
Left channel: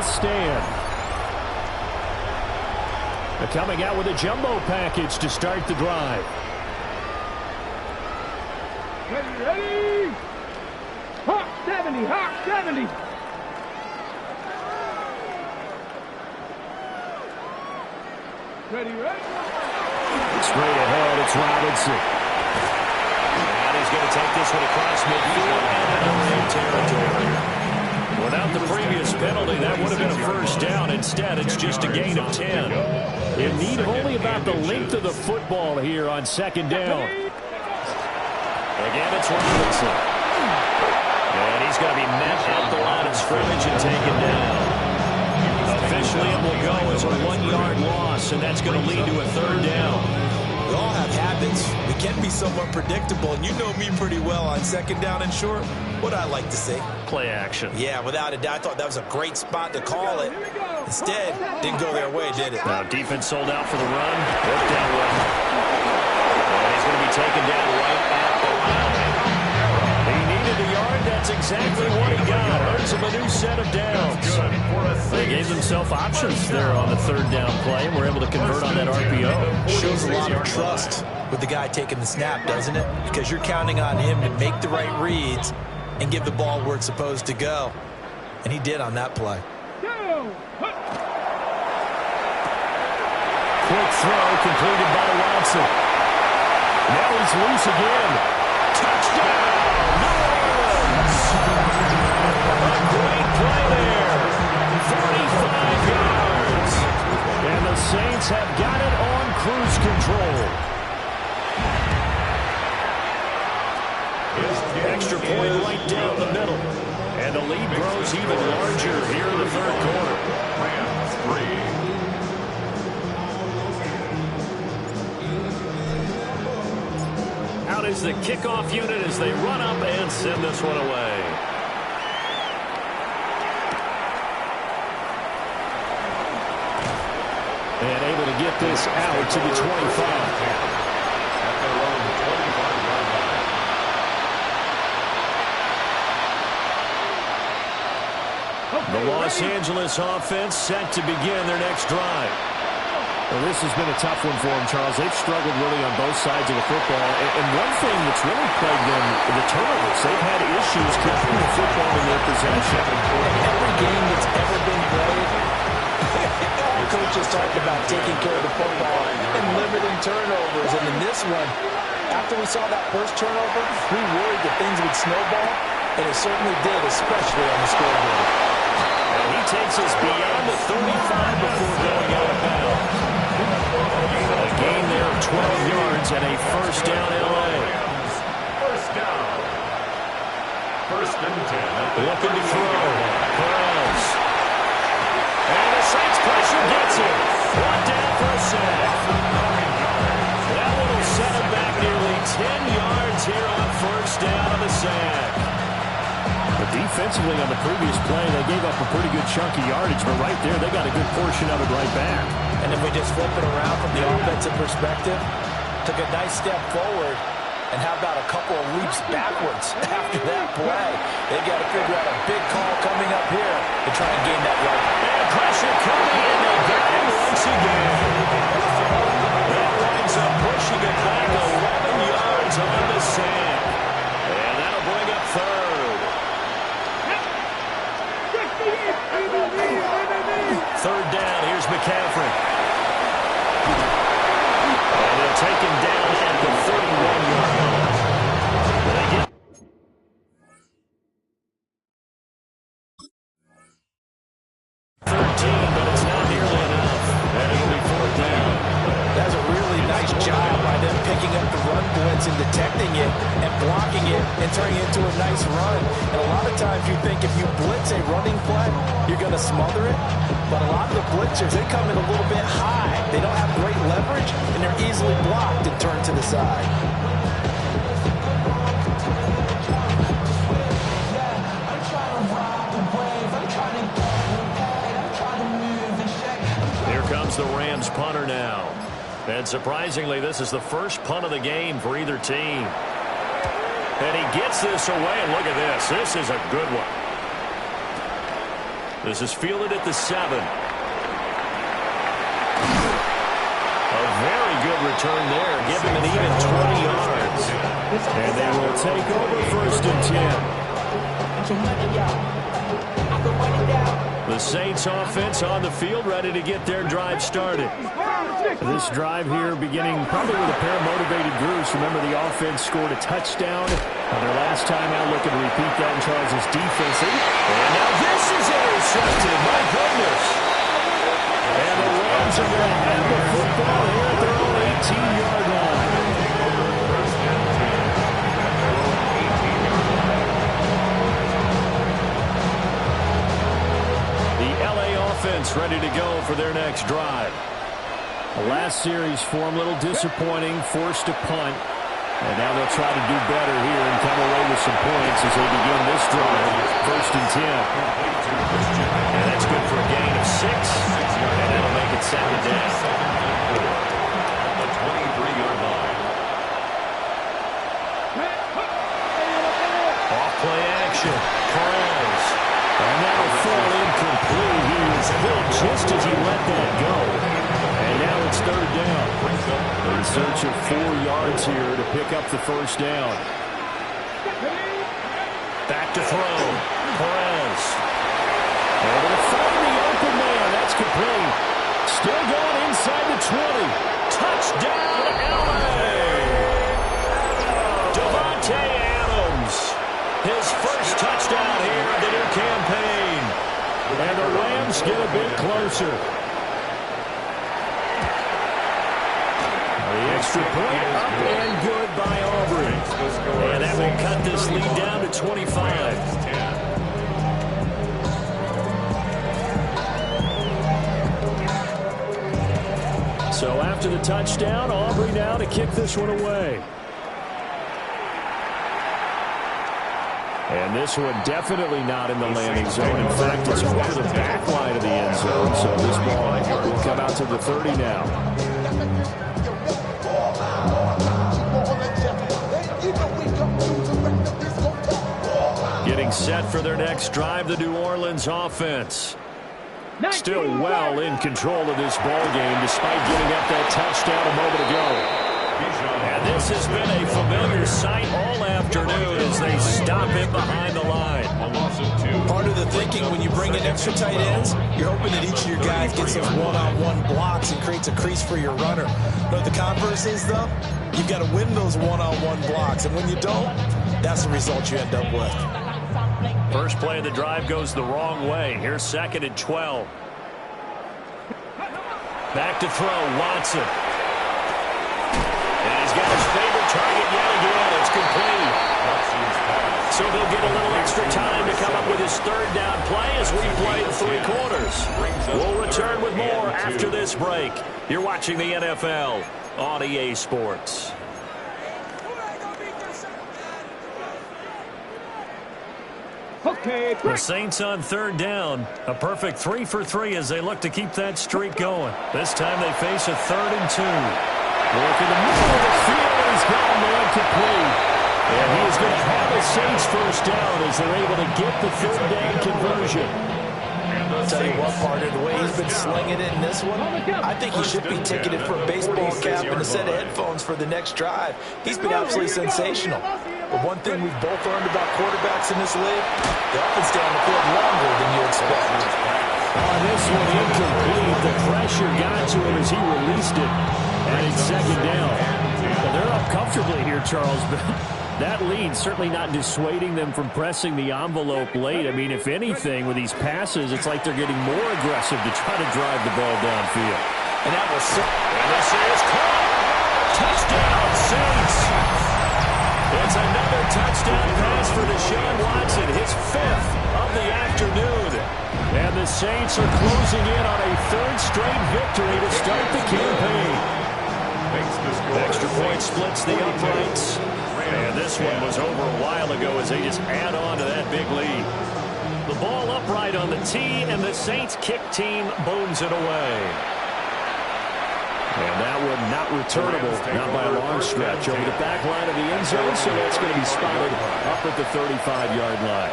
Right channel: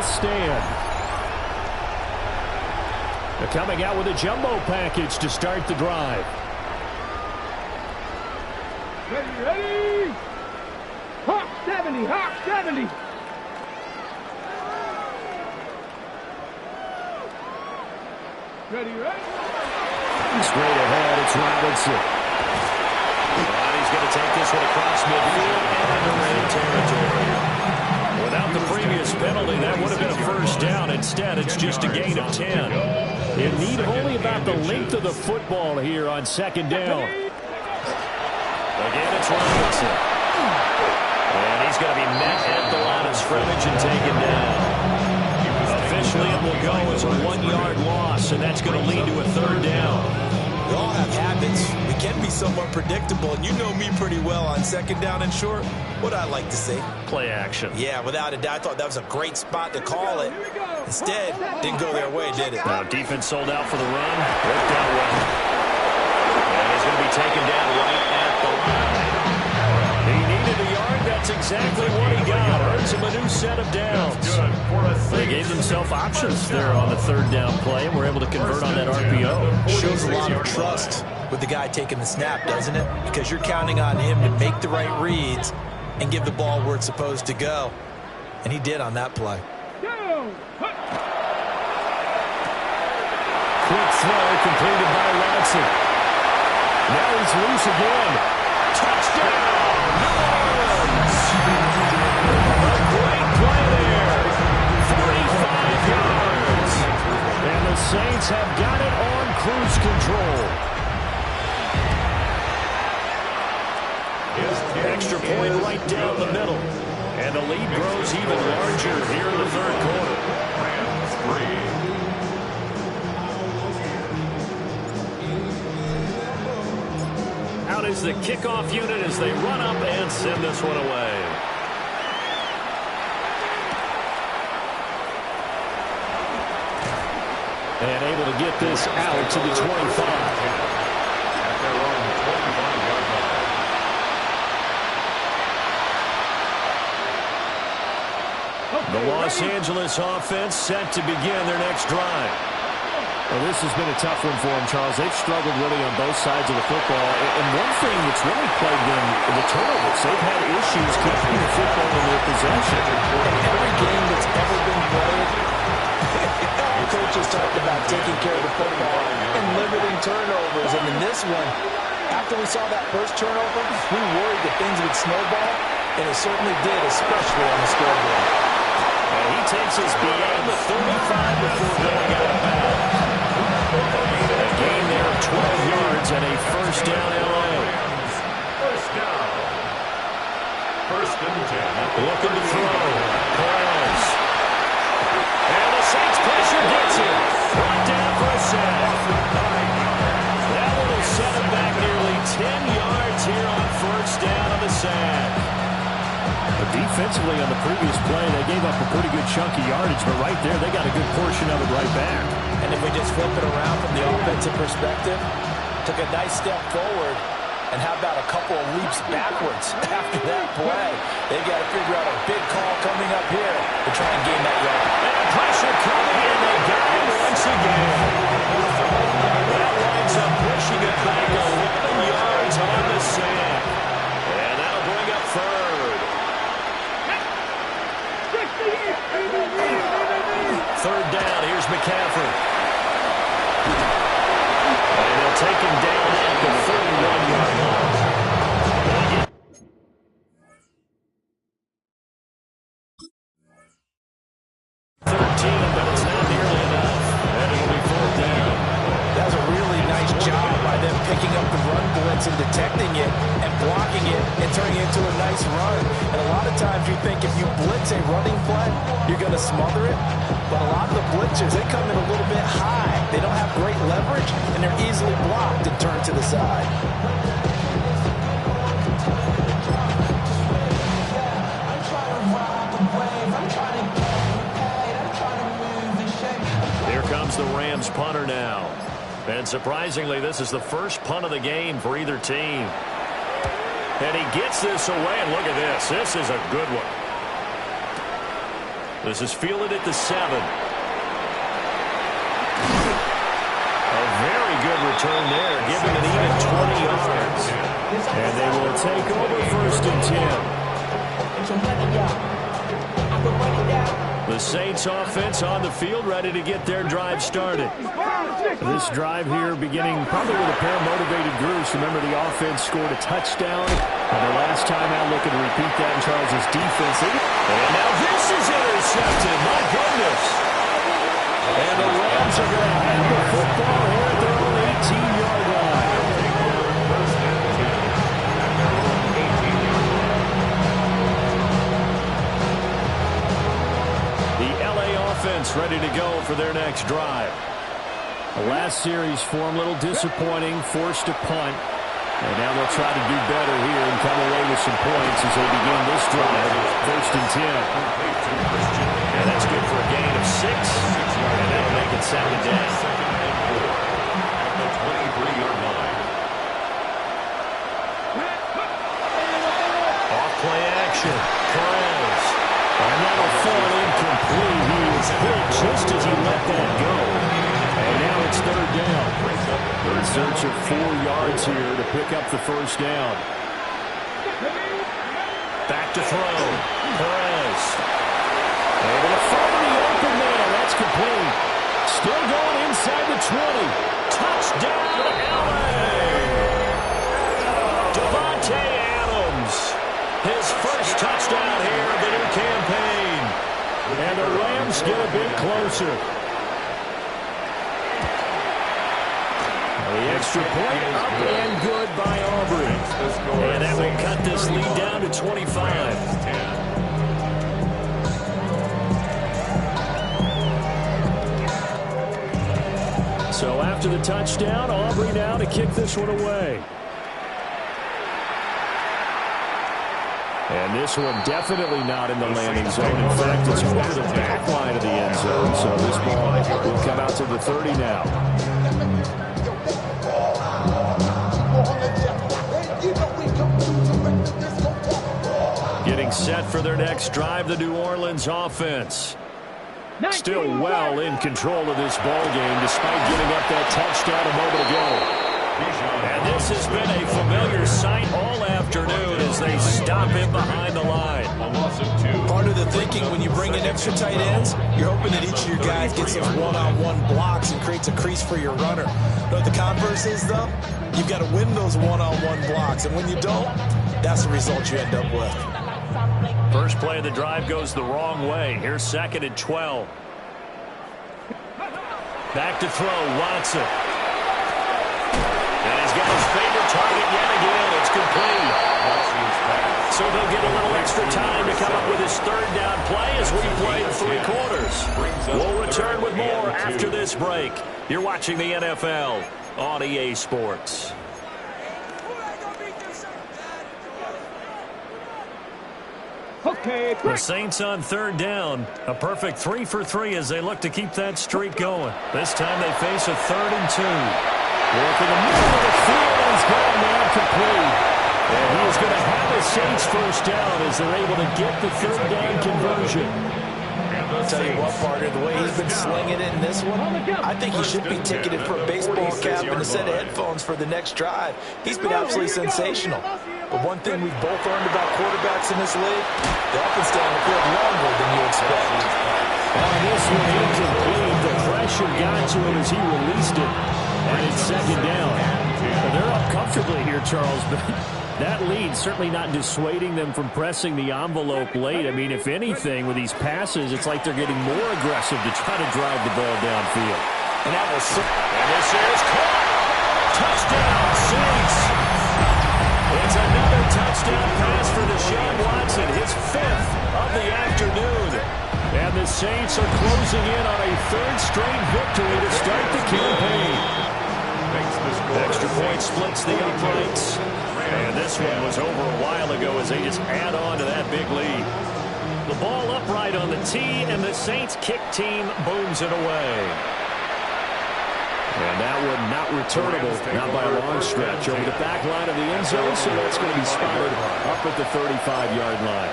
stand. They're coming out with a jumbo package to start the drive. Ready, ready! Hawk 70, Hawk 70! Ready, ready? Straight ahead, it's Robinson. He's going to take this one across midfield and into Ram territory. Without the previous penalty, that would have been a first down. Instead, it's just a gain of 10. You need only about the length of the football here on second down. Again, it's Robinson. And he's going to be met at the line of scrimmage and taken down. Officially, it will go as a 1-yard loss, and that's going to lead to a third down. We all have habits. We can be somewhat predictable, and you know me pretty well on second down and short. What I like to say? Play action. Yeah, without a doubt, I thought that was a great spot to call it. Instead, didn't go their way, did it? Now, defense sold out for the run. Worked out well. And he's going to be taken down right at the line. He needed a yard. That's exactly what he got. Earns him a new set of downs. They gave themselves options there on the third down play, and were able to convert on that RPO. Shows a lot of trust with the guy taking the snap, doesn't it? Because you're counting on him to make the right reads and give the ball where it's supposed to go. And he did on that play. Quick throw completed by Watson. Now he's loose again. Touchdown, New Orleans! A great play there. 45 yards. And the Saints have got it on cruise control. Extra point right down the middle. And the lead grows even larger here in the third quarter. Rams 3. Out is the kickoff unit as they run up and send this one away. And able to get this out to the 25. At their own 25-yard line. The Los Angeles offense set to begin their next drive. Well, this has been a tough one for them, Charles. They've struggled really on both sides of the football. And one thing that's really plagued them, the turnovers. They've had issues keeping the football in their possession. In every game that's ever been played, all coaches talked about taking care of the football and limiting turnovers. And in this one, after we saw that first turnover, we worried that things would snowball, and it certainly did, especially on the scoreboard. And he takes us beyond the 35 before going out of bounds. A gain there of 12 yards and a first down L.A. First down. First and 10. Looking to throw. Perez. And the Saints pressure gets him. Brought down for a sack. That one will set him back nearly 10 yards here on first down on the sack. But defensively on the previous play, they gave up a pretty good chunk of yardage. But right there, they got a good portion of it right back. And if we just flip it around from the offensive perspective, took a nice step forward, and how about a couple of leaps backwards after that play? They've got to figure out a big call coming up here to try and gain that yard. And pressure coming, and they got him once again. That winds up pushing it back 11 yards on the sack. And that'll bring up third. Third down, here's McCaffrey. And they'll take him down at the 31-yard line. They get 13, but it's not nearly enough. And it'll be fourth down. That's a really nice job by them picking up the run blitz and detecting it and blocking it and turning it into a nice run. And a lot of times you think if you blitz a running play, you're going to smother it. But a lot of the blitzers, they come in a little bit high. They don't have great leverage, and they're easily blocked and turned to the side. Here comes the Rams punter now. And surprisingly, this is the first punt of the game for either team. And he gets this away, and look at this. This is a good one. This is fielded at the 7. A very good return there. Give him an even 20 yards. And they will take over first and 10. And some money, y'all. I can run it down. The Saints offense on the field, ready to get their drive started. This drive here beginning probably with a pair of motivated groups. Remember, the offense scored a touchdown on their last time out, looking to repeat that in Charles' defense. And now this is intercepted. My goodness. And the Rams are going to have the football here at their own 18-yard line. First and 10 at their own 18-yard line. The L.A. offense ready to go for their next drive. The last series for them, a little disappointing, forced to punt. And now they'll try to do better here and come away with some points as they begin this drive. First and 10. And that's good for a gain of 6. And that'll make it second down. Second and 4 at the 23-yard line. Off play action. Perez. And that'll fall incomplete. He was hit just as he let that go. And now it's third down. In search of 4 yards here to pick up the first down. Back to throw. Perez. Able to find the open man. That's complete. Still going inside the 20. Touchdown, L.A. Davante Adams. His first touchdown here of the new campaign. And the Rams get a bit closer. The extra point up and good by Aubrey. And that will cut this lead down to 25. So after the touchdown, Aubrey now to kick this one away. And this one definitely not in the landing zone. In fact, it's over the back line of the end zone. So this ball will come out to the 30 now. Getting set for their next drive, the New Orleans offense. Still well in control of this ball game despite giving up that touchdown a moment ago. And this has been a familiar sight all afternoon as they stop him behind the line. Part of the thinking when you bring in extra tight ends, you're hoping that each of your guys gets those one-on-one blocks and creates a crease for your runner. But what the converse is, though, you've got to win those one-on-one blocks. And when you don't, that's the result you end up with. First play of the drive goes the wrong way. Here's second and 12. Back to throw, Watson. And he's got his favorite target yet again. It's complete. So they'll get a little extra time to come up with his third down play as we play 3 quarters. We'll return with more after this break. You're watching the NFL on EA Sports. Okay, The Saints on third down. A perfect 3 for 3 as they look to keep that streak going. This time they face a 3rd and 2. Work in the middle of the field, and he's got a man complete. And he is going to have a Saints first down as they're able to get the third down conversion. I'll tell you what, partner, the way he's been slinging it in this one, I think he should be ticketed for a baseball cap and a set of headphones for the next drive. He's been absolutely sensational. But one thing we've both learned about quarterbacks in this league, they often stay on the field longer than you expect. On this one, incomplete. The pressure got to him as he released it. And it's second down. Well, they're up comfortably here, Charles, but that lead certainly not dissuading them from pressing the envelope late. I mean, if anything, with these passes, it's like they're getting more aggressive to try to drive the ball downfield. And that was sick. And this is caught. Touchdown, Saints. It's another touchdown pass for Deshaun Watson, his 5th of the afternoon. And the Saints are closing in on a 3rd straight victory to start the campaign. Extra point splits the uprights. And this one was over a while ago as they just add on to that big lead. The ball upright on the tee, and the Saints kick team booms it away. And that one not returnable, not by a long stretch, over the back line of the end zone, so that's going to be spotted up at the 35-yard line.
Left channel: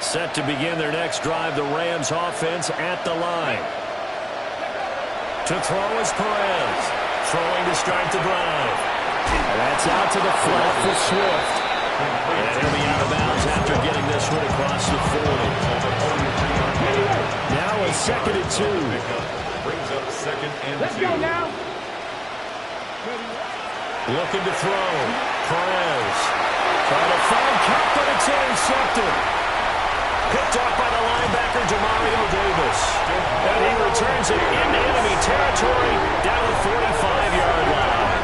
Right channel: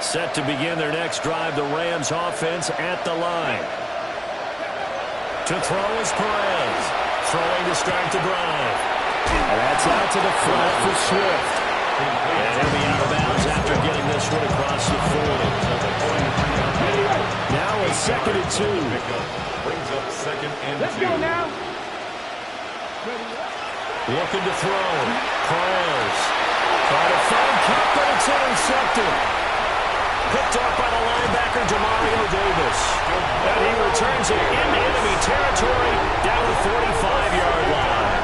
Set to begin their next drive, the Rams offense at the line. To throw is Perez. Throwing to start the drive. And that's out to the flat for Swift. And he'll be out of bounds after getting this this one across the 40. Now a 2nd and 2. Brings up 2nd and 2. Let's go now. Looking to throw. Perez. Trying to find Cup, but it's intercepted. Picked off by the linebacker, Demario Davis. And he returns it into enemy territory down the 45-yard line.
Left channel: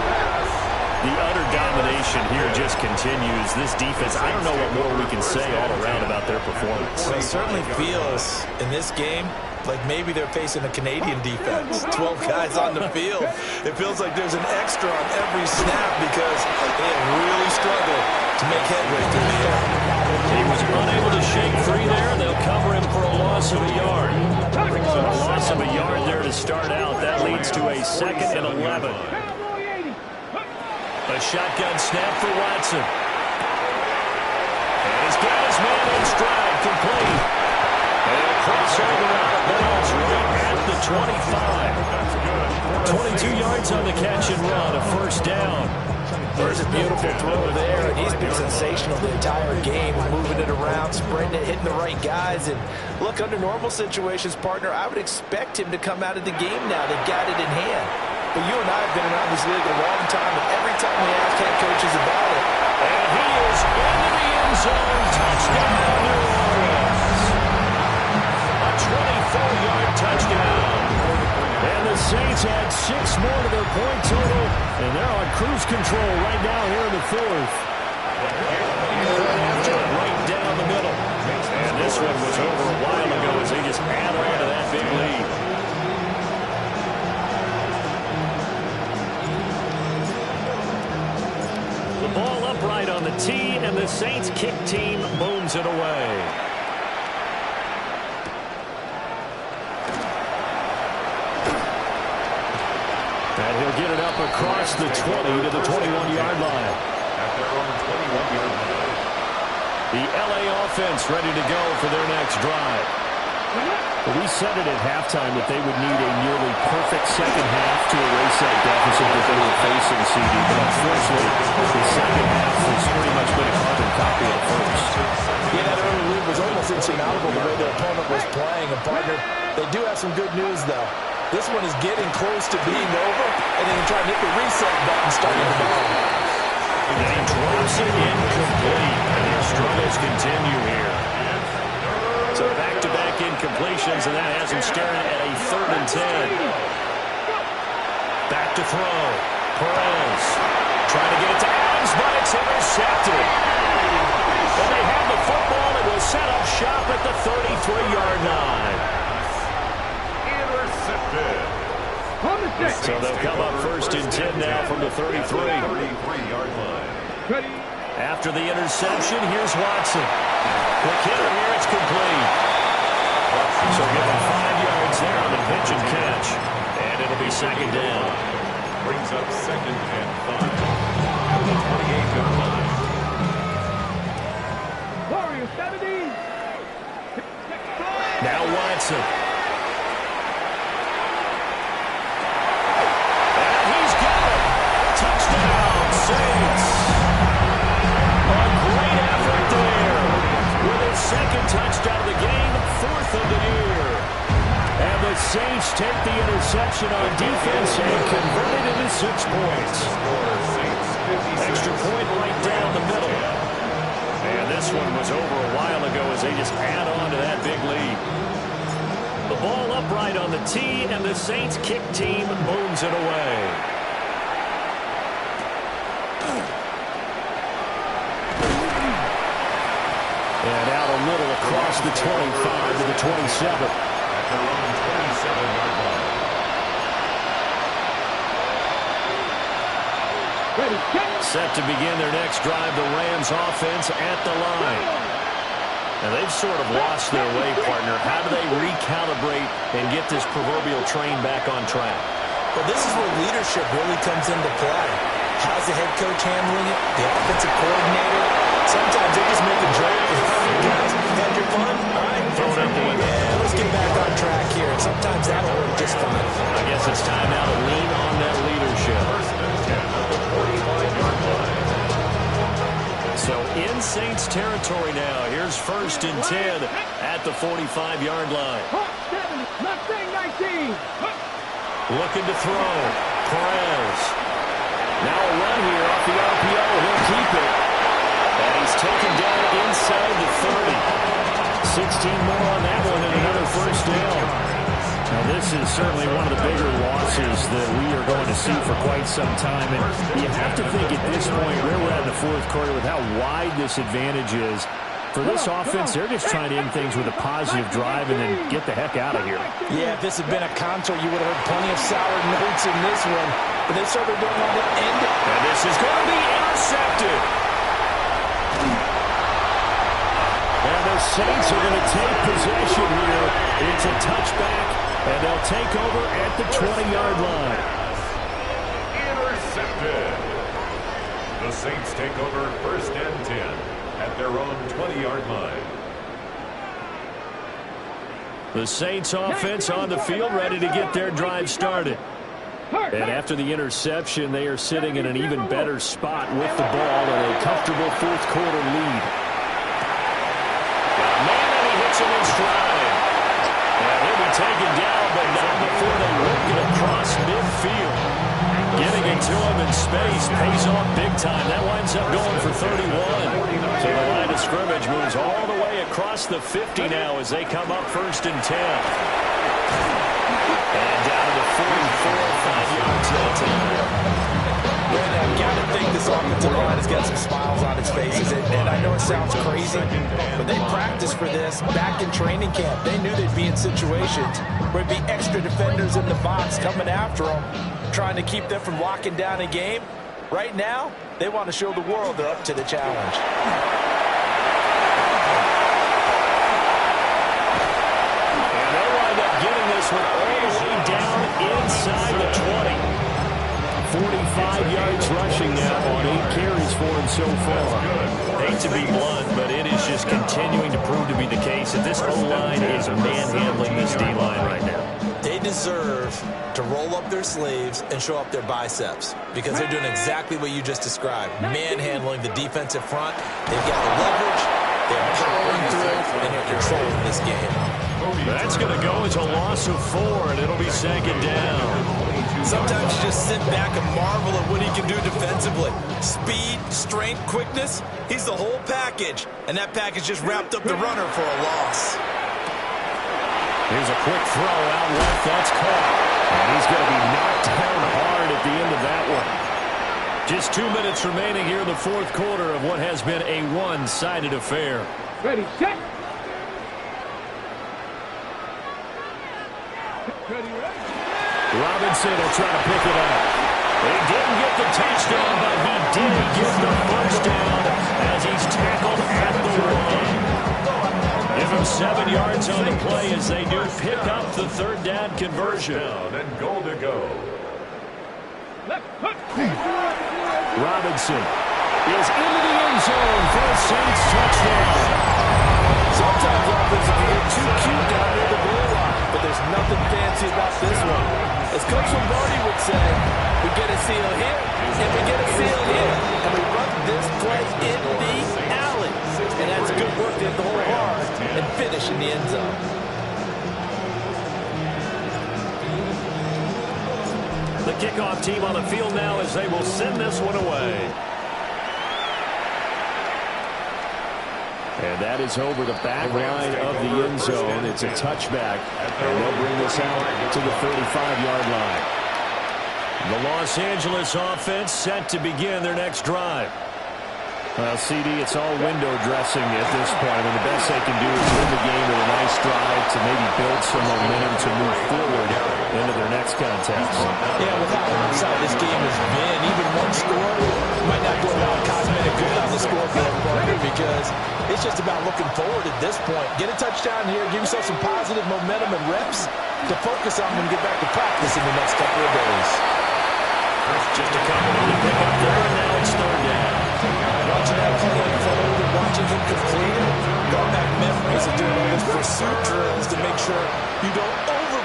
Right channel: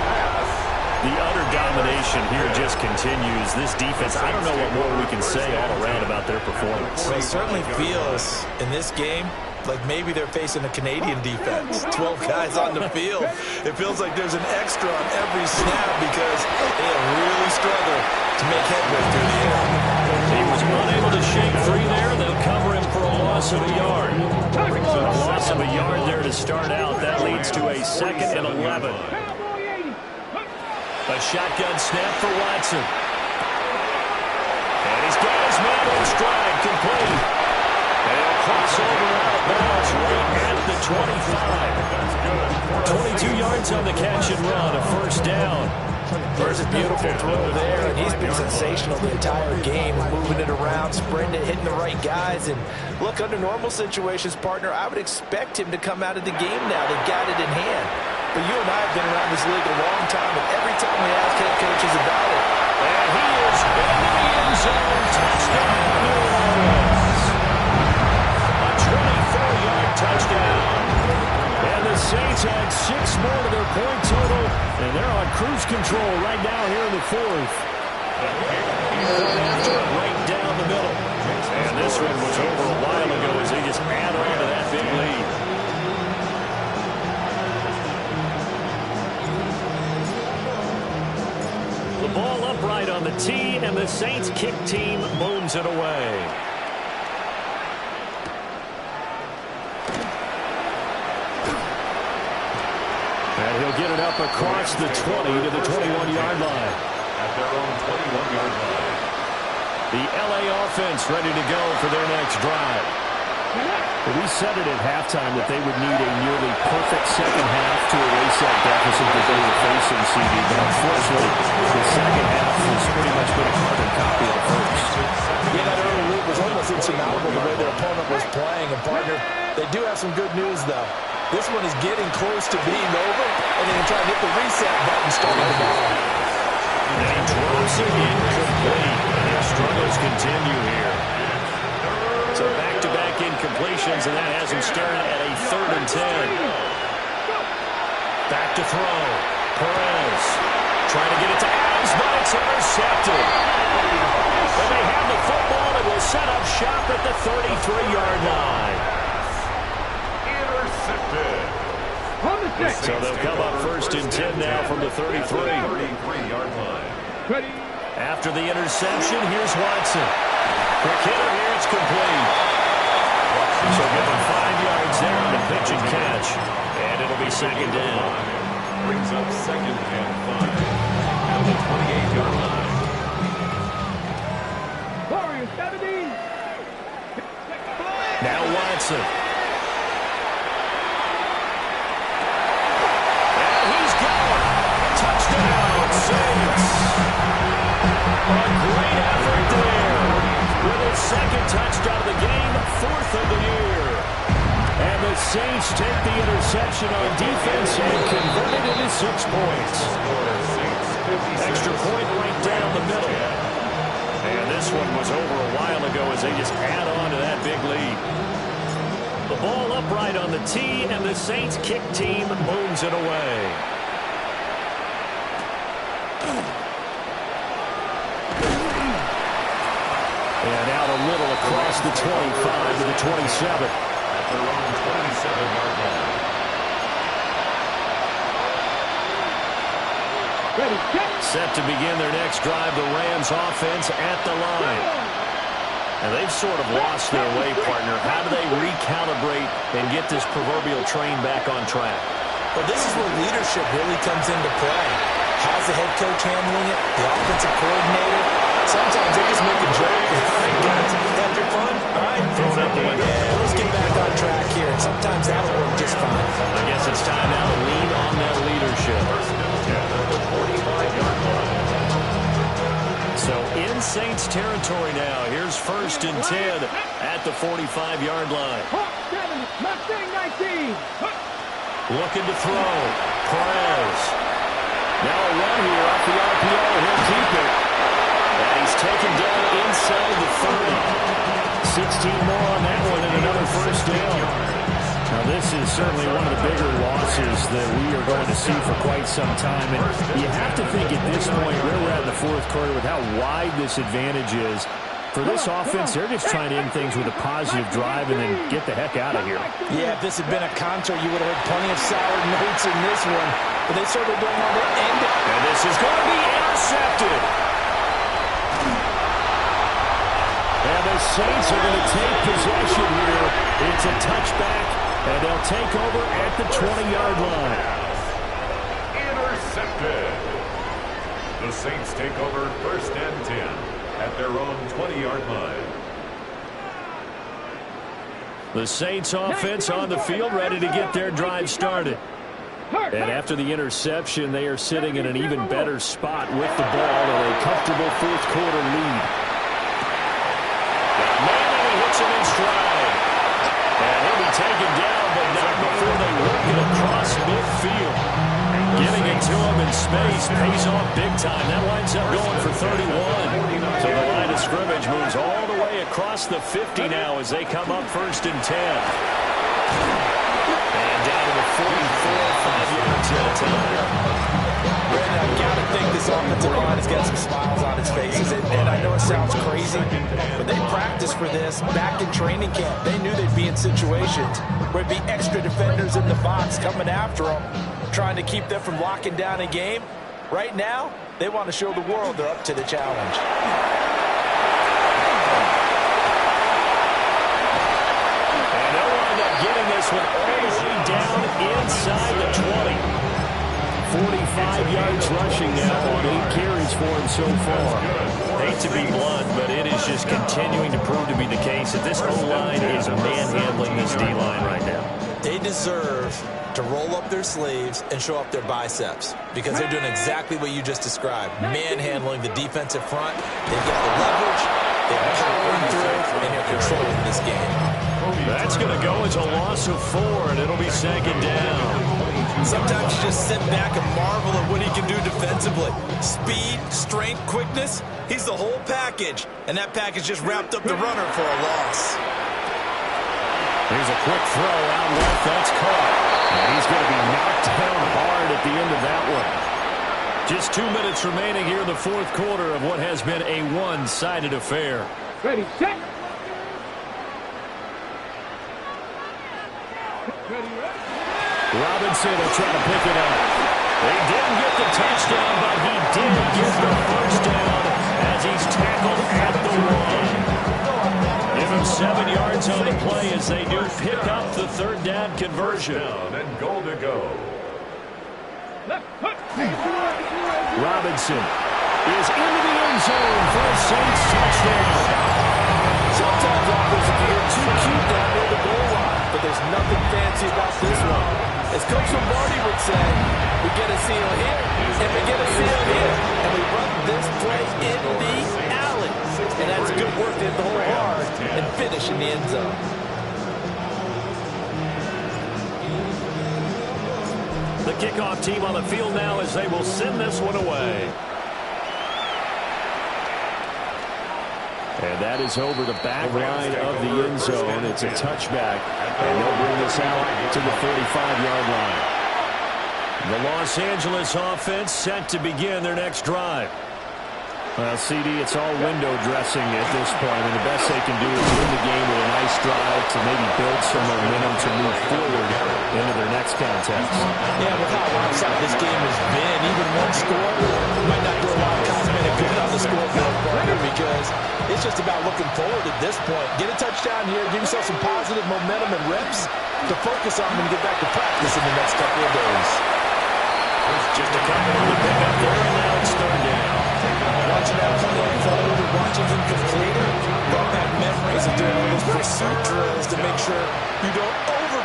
The utter domination here just continues. This defense, I don't know what more we can say all around about their performance. Well, it certainly feels in this game like maybe they're facing a Canadian defense. 12 guys on the field. It feels like there's an extra on every snap because they have really struggled to make headway through the air. He was unable to shake free there. They'll cover him for a loss of a yard. A loss of a yard there to start out. That leads to a 2nd and 11. A shotgun snap for Watson. And he's got his man in stride, complete. And he'll cross over out of bounds right at the 25. 22 yards on the catch and run, a 1st down. There's a beautiful throw there, and he's been sensational the entire game, moving it around, spreading it, hitting the right guys. And look, under normal situations, partner, I would expect him to come out of the game now. They've got it in hand. But you and I have been around this league a long time, and every time we ask head coaches about it. And he is into the end zone. Touchdown, New Orleans. A 24-yard touchdown. And the Saints add 6 more to their point total, and they're on cruise control right now here in the 4th. Right down the middle. And this one was over a while ago as they just add on to that big lead. The ball upright on the tee, and the Saints kick team booms it away. And he'll get it up across the 20 to the 21-yard line. At their own 21-yard line. The L.A. offense ready to go for their next drive. We said it at halftime that they would need a nearly perfect second half to erase that deficit that they were facing, CD. But unfortunately, the second half has pretty much been a carbon copy of the first. Yeah, that early lead was almost insurmountable the way their opponent was playing. And, partner, they do have some good news, though. This one is getting close to being over, and they can try and hit the reset button starting tomorrow. And he drops it incomplete, and their struggles continue here. So back-to-back incompletions, and that has him staring at a 3rd and 10. Back to throw. Perez trying to get it to Adams, but it's intercepted. And they have the football and will set up shop at the 33-yard line. Intercepted. So they'll come up 1st and 10 now from the 33. 33-yard line. Ready. After the interception, here's Watson. Quick hitter here, it's complete. So give him 5 yards there on the pitch and catch. And it'll be 2nd down. Brings up 2nd and 5. At the 28-yard line. Warriors 70. Now Watson. And he's got it. Touchdown, Saints. A great effort there. With his 2nd touchdown of the game, 4th of the year. And the Saints take the interception on defense and convert it into 6 points. Extra point right down the middle. And this one was over a while ago as they just add on to that big lead. The ball upright on the tee, and the Saints kick team booms it away. And out a little across the 25 to the 27. At their own 27-yard line. Ready. Get. Set to begin their next drive, the Rams offense at the line. And they've sort of lost their way, partner. How do they recalibrate and get this proverbial train back on track? Well, this is where leadership really comes into play. How's the head coach handling it? The offensive coordinator? Sometimes they just make a joke. All right, guys, had your fun? All right. Throw it out the window. Yeah, let's get back on track here. And sometimes that'll work just fine. I guess it's time now to lean on that leadership. 1st and 10 at the 45-yard line. So in Saints territory now. Here's 1st and 10 at the 45-yard line. Hawk 70, Mustang 19. Looking to throw. Perez. Now a run here off the RPO. He'll keep it. And he's taken down inside the 30. 16 more on that one and another first down. Now, this is certainly one of the bigger losses that we are going to see for quite some time. And you have to think at this point, where we're at in the fourth quarter, with how wide this advantage is, for this offense, they're just trying to end things with a positive drive and then get the heck out of here. Yeah, if this had been a concert, you would have heard plenty of sour notes in this one. But they certainly don't want to end it. And this is going to be intercepted. And the Saints are going to take possession here. It's a touchback, and they'll take over at the 20-yard line. Intercepted. The Saints take over 1st and 10 at their own 20-yard line. The Saints offense on the field, ready to get their drive started. And after the interception, they are sitting in an even better spot with the ball and a comfortable fourth quarter lead. Got a man, and he hits him in stride. And he'll be taken down, but not before they work it across midfield. Getting it to him in space pays off big time. That winds up going for 31. So the line of scrimmage moves all the way across the 50 now as they come up 1st and 10. And down to the 44, 5 yards at a time. Brandon, I've got to think this offensive line has got some smiles on its faces. And I know it sounds crazy, but they practiced for this back in training camp. They knew they'd be in situations where it'd be extra defenders in the box coming after them, trying to keep them from locking down a game. Right now, they want to show the world they're up to the challenge. And they'll wind up getting this one all the way down inside the 20. 45 yards rushing now on 8 carries for him so far. Hate to be blunt, but it is just continuing to prove to be the case that this O-line is manhandling this D-line right now. They deserve to roll up their sleeves and show up their biceps because they're doing exactly what you just described, manhandling the defensive front. They've got the leverage, they're powering through, and they're controlling this game. That's going to go as a loss of 4, and it'll be 2nd down. Sometimes you just sit back and marvel at what he can do defensively. Speed, strength, quickness, he's the whole package, and that package just wrapped up the runner for a loss. Here's a quick throw out left. That's caught. And he's going to be knocked down hard at the end of that one. Just 2 minutes remaining here in the fourth quarter of what has been a one-sided affair. Ready, set. Ready, ready. Robinson will try to pick it up. They didn't get the touchdown, but he did get the first down as he's tackled at the 1. Give him 7 yards on the play as they do pick up the 3rd down conversion. Down and goal to go. Robinson is into the end zone for a Saints touchdown. Sometimes offense can get too cute down near the goal line, but there's nothing fancy about this one. As Coach Lombardi would say, we get a seal here, and we get a seal here, and we run this play in the alley. And that's good work to hit the hole hard and finish in the end zone. The kickoff team on the field now as they will send this one away. And that is over the back line of the end zone. It's a touchback, and they'll bring this out to the 35-yard line. The Los Angeles offense set to begin their next drive. Well, CD, it's all window dressing at this point. I mean, the best they can do is win the game with a nice drive to maybe build some momentum to move forward into their next contest. Yeah, with how onside this game has been, even one score might not do a lot of cosmetic good on the scoreboard, partner, because it's just about looking forward at this point. Get a touchdown here, give yourself some positive momentum and reps to focus on when you get back to practice in the next couple of days. Just a couple on the pickup there, and now it's 3rd down. Watching that play unfold and watching him complete it brought back memories of doing all those pursuit drills to make sure you don't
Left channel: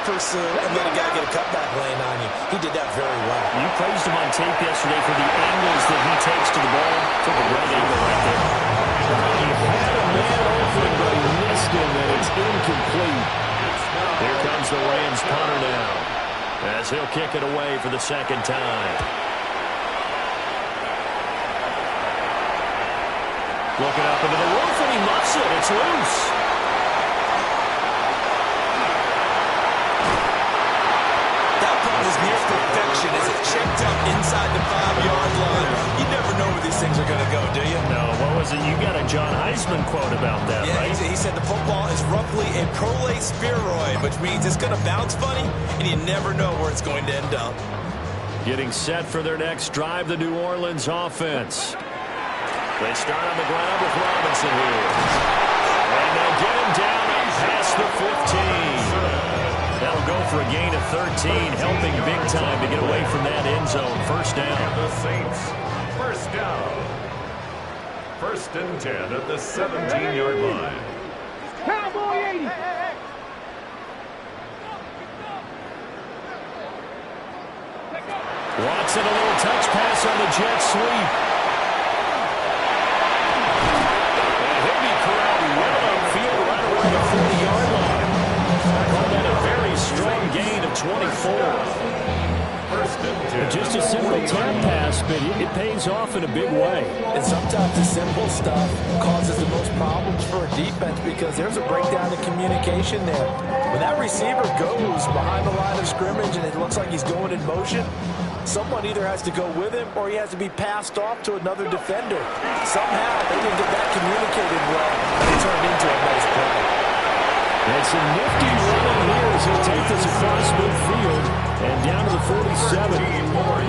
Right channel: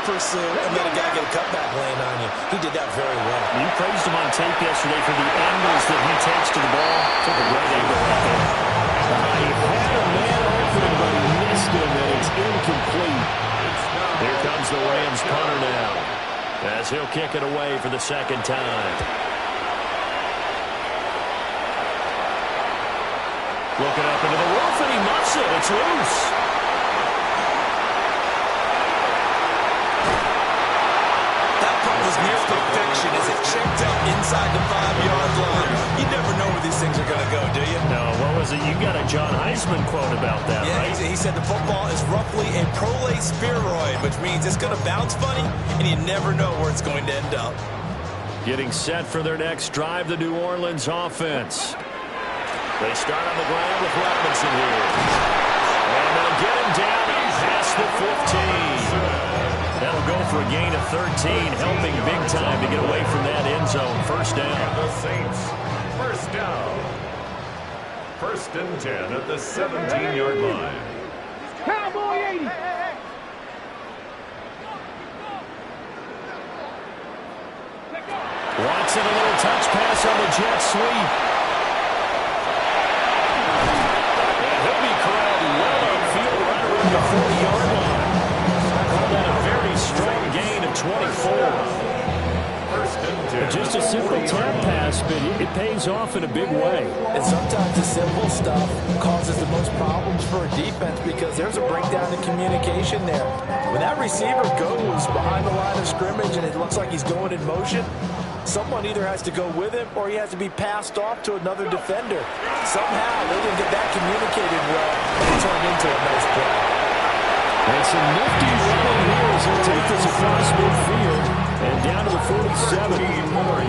pursue and let a guy get a cutback lane on you. He did that very well. You praised him on tape yesterday for the angles that he takes to the ball. Took a great angle right there. He had a man open, but he missed him, and it's incomplete. Here comes the Rams punter now, as he'll kick it away for the second time. Looking up into the roof, and he muffs it. It's loose. That punt was near perfection as it checked up inside the 5-yard line. You never know where these things are going to go, do you? No, what was it? You got a John Heisman quote about that, yeah, right? He said the football is roughly a prolate spheroid, which means it's going to bounce funny, and you never know where it's going to end up. Getting set for their next drive, the New Orleans offense. They start on the ground with Robinson here. And they'll get him down and past the 15. That'll go for a gain of 13, helping big time to get away from that end zone. First down. The Saints, first down. 1st and 10 at the 17-yard line. Cowboy 80. Watson, a little touch pass on the jet sweep. And he'll be corralled well upfield right around the 40-yard line. Call that a very strong gain of 24. 1st and 10. Just a simple tap pass, but it pays off in a big way. And sometimes the simple stuff causes the most problems for a defense because there's a breakdown in communication there. When that receiver goes behind the line of scrimmage and it looks like he's going in motion, someone either has to go with him or he has to be passed off to another defender. Somehow they didn't get that communicated well, and it turned into a nice play. And some nifty running here as he'll take this across midfield and down to the 47. 14 more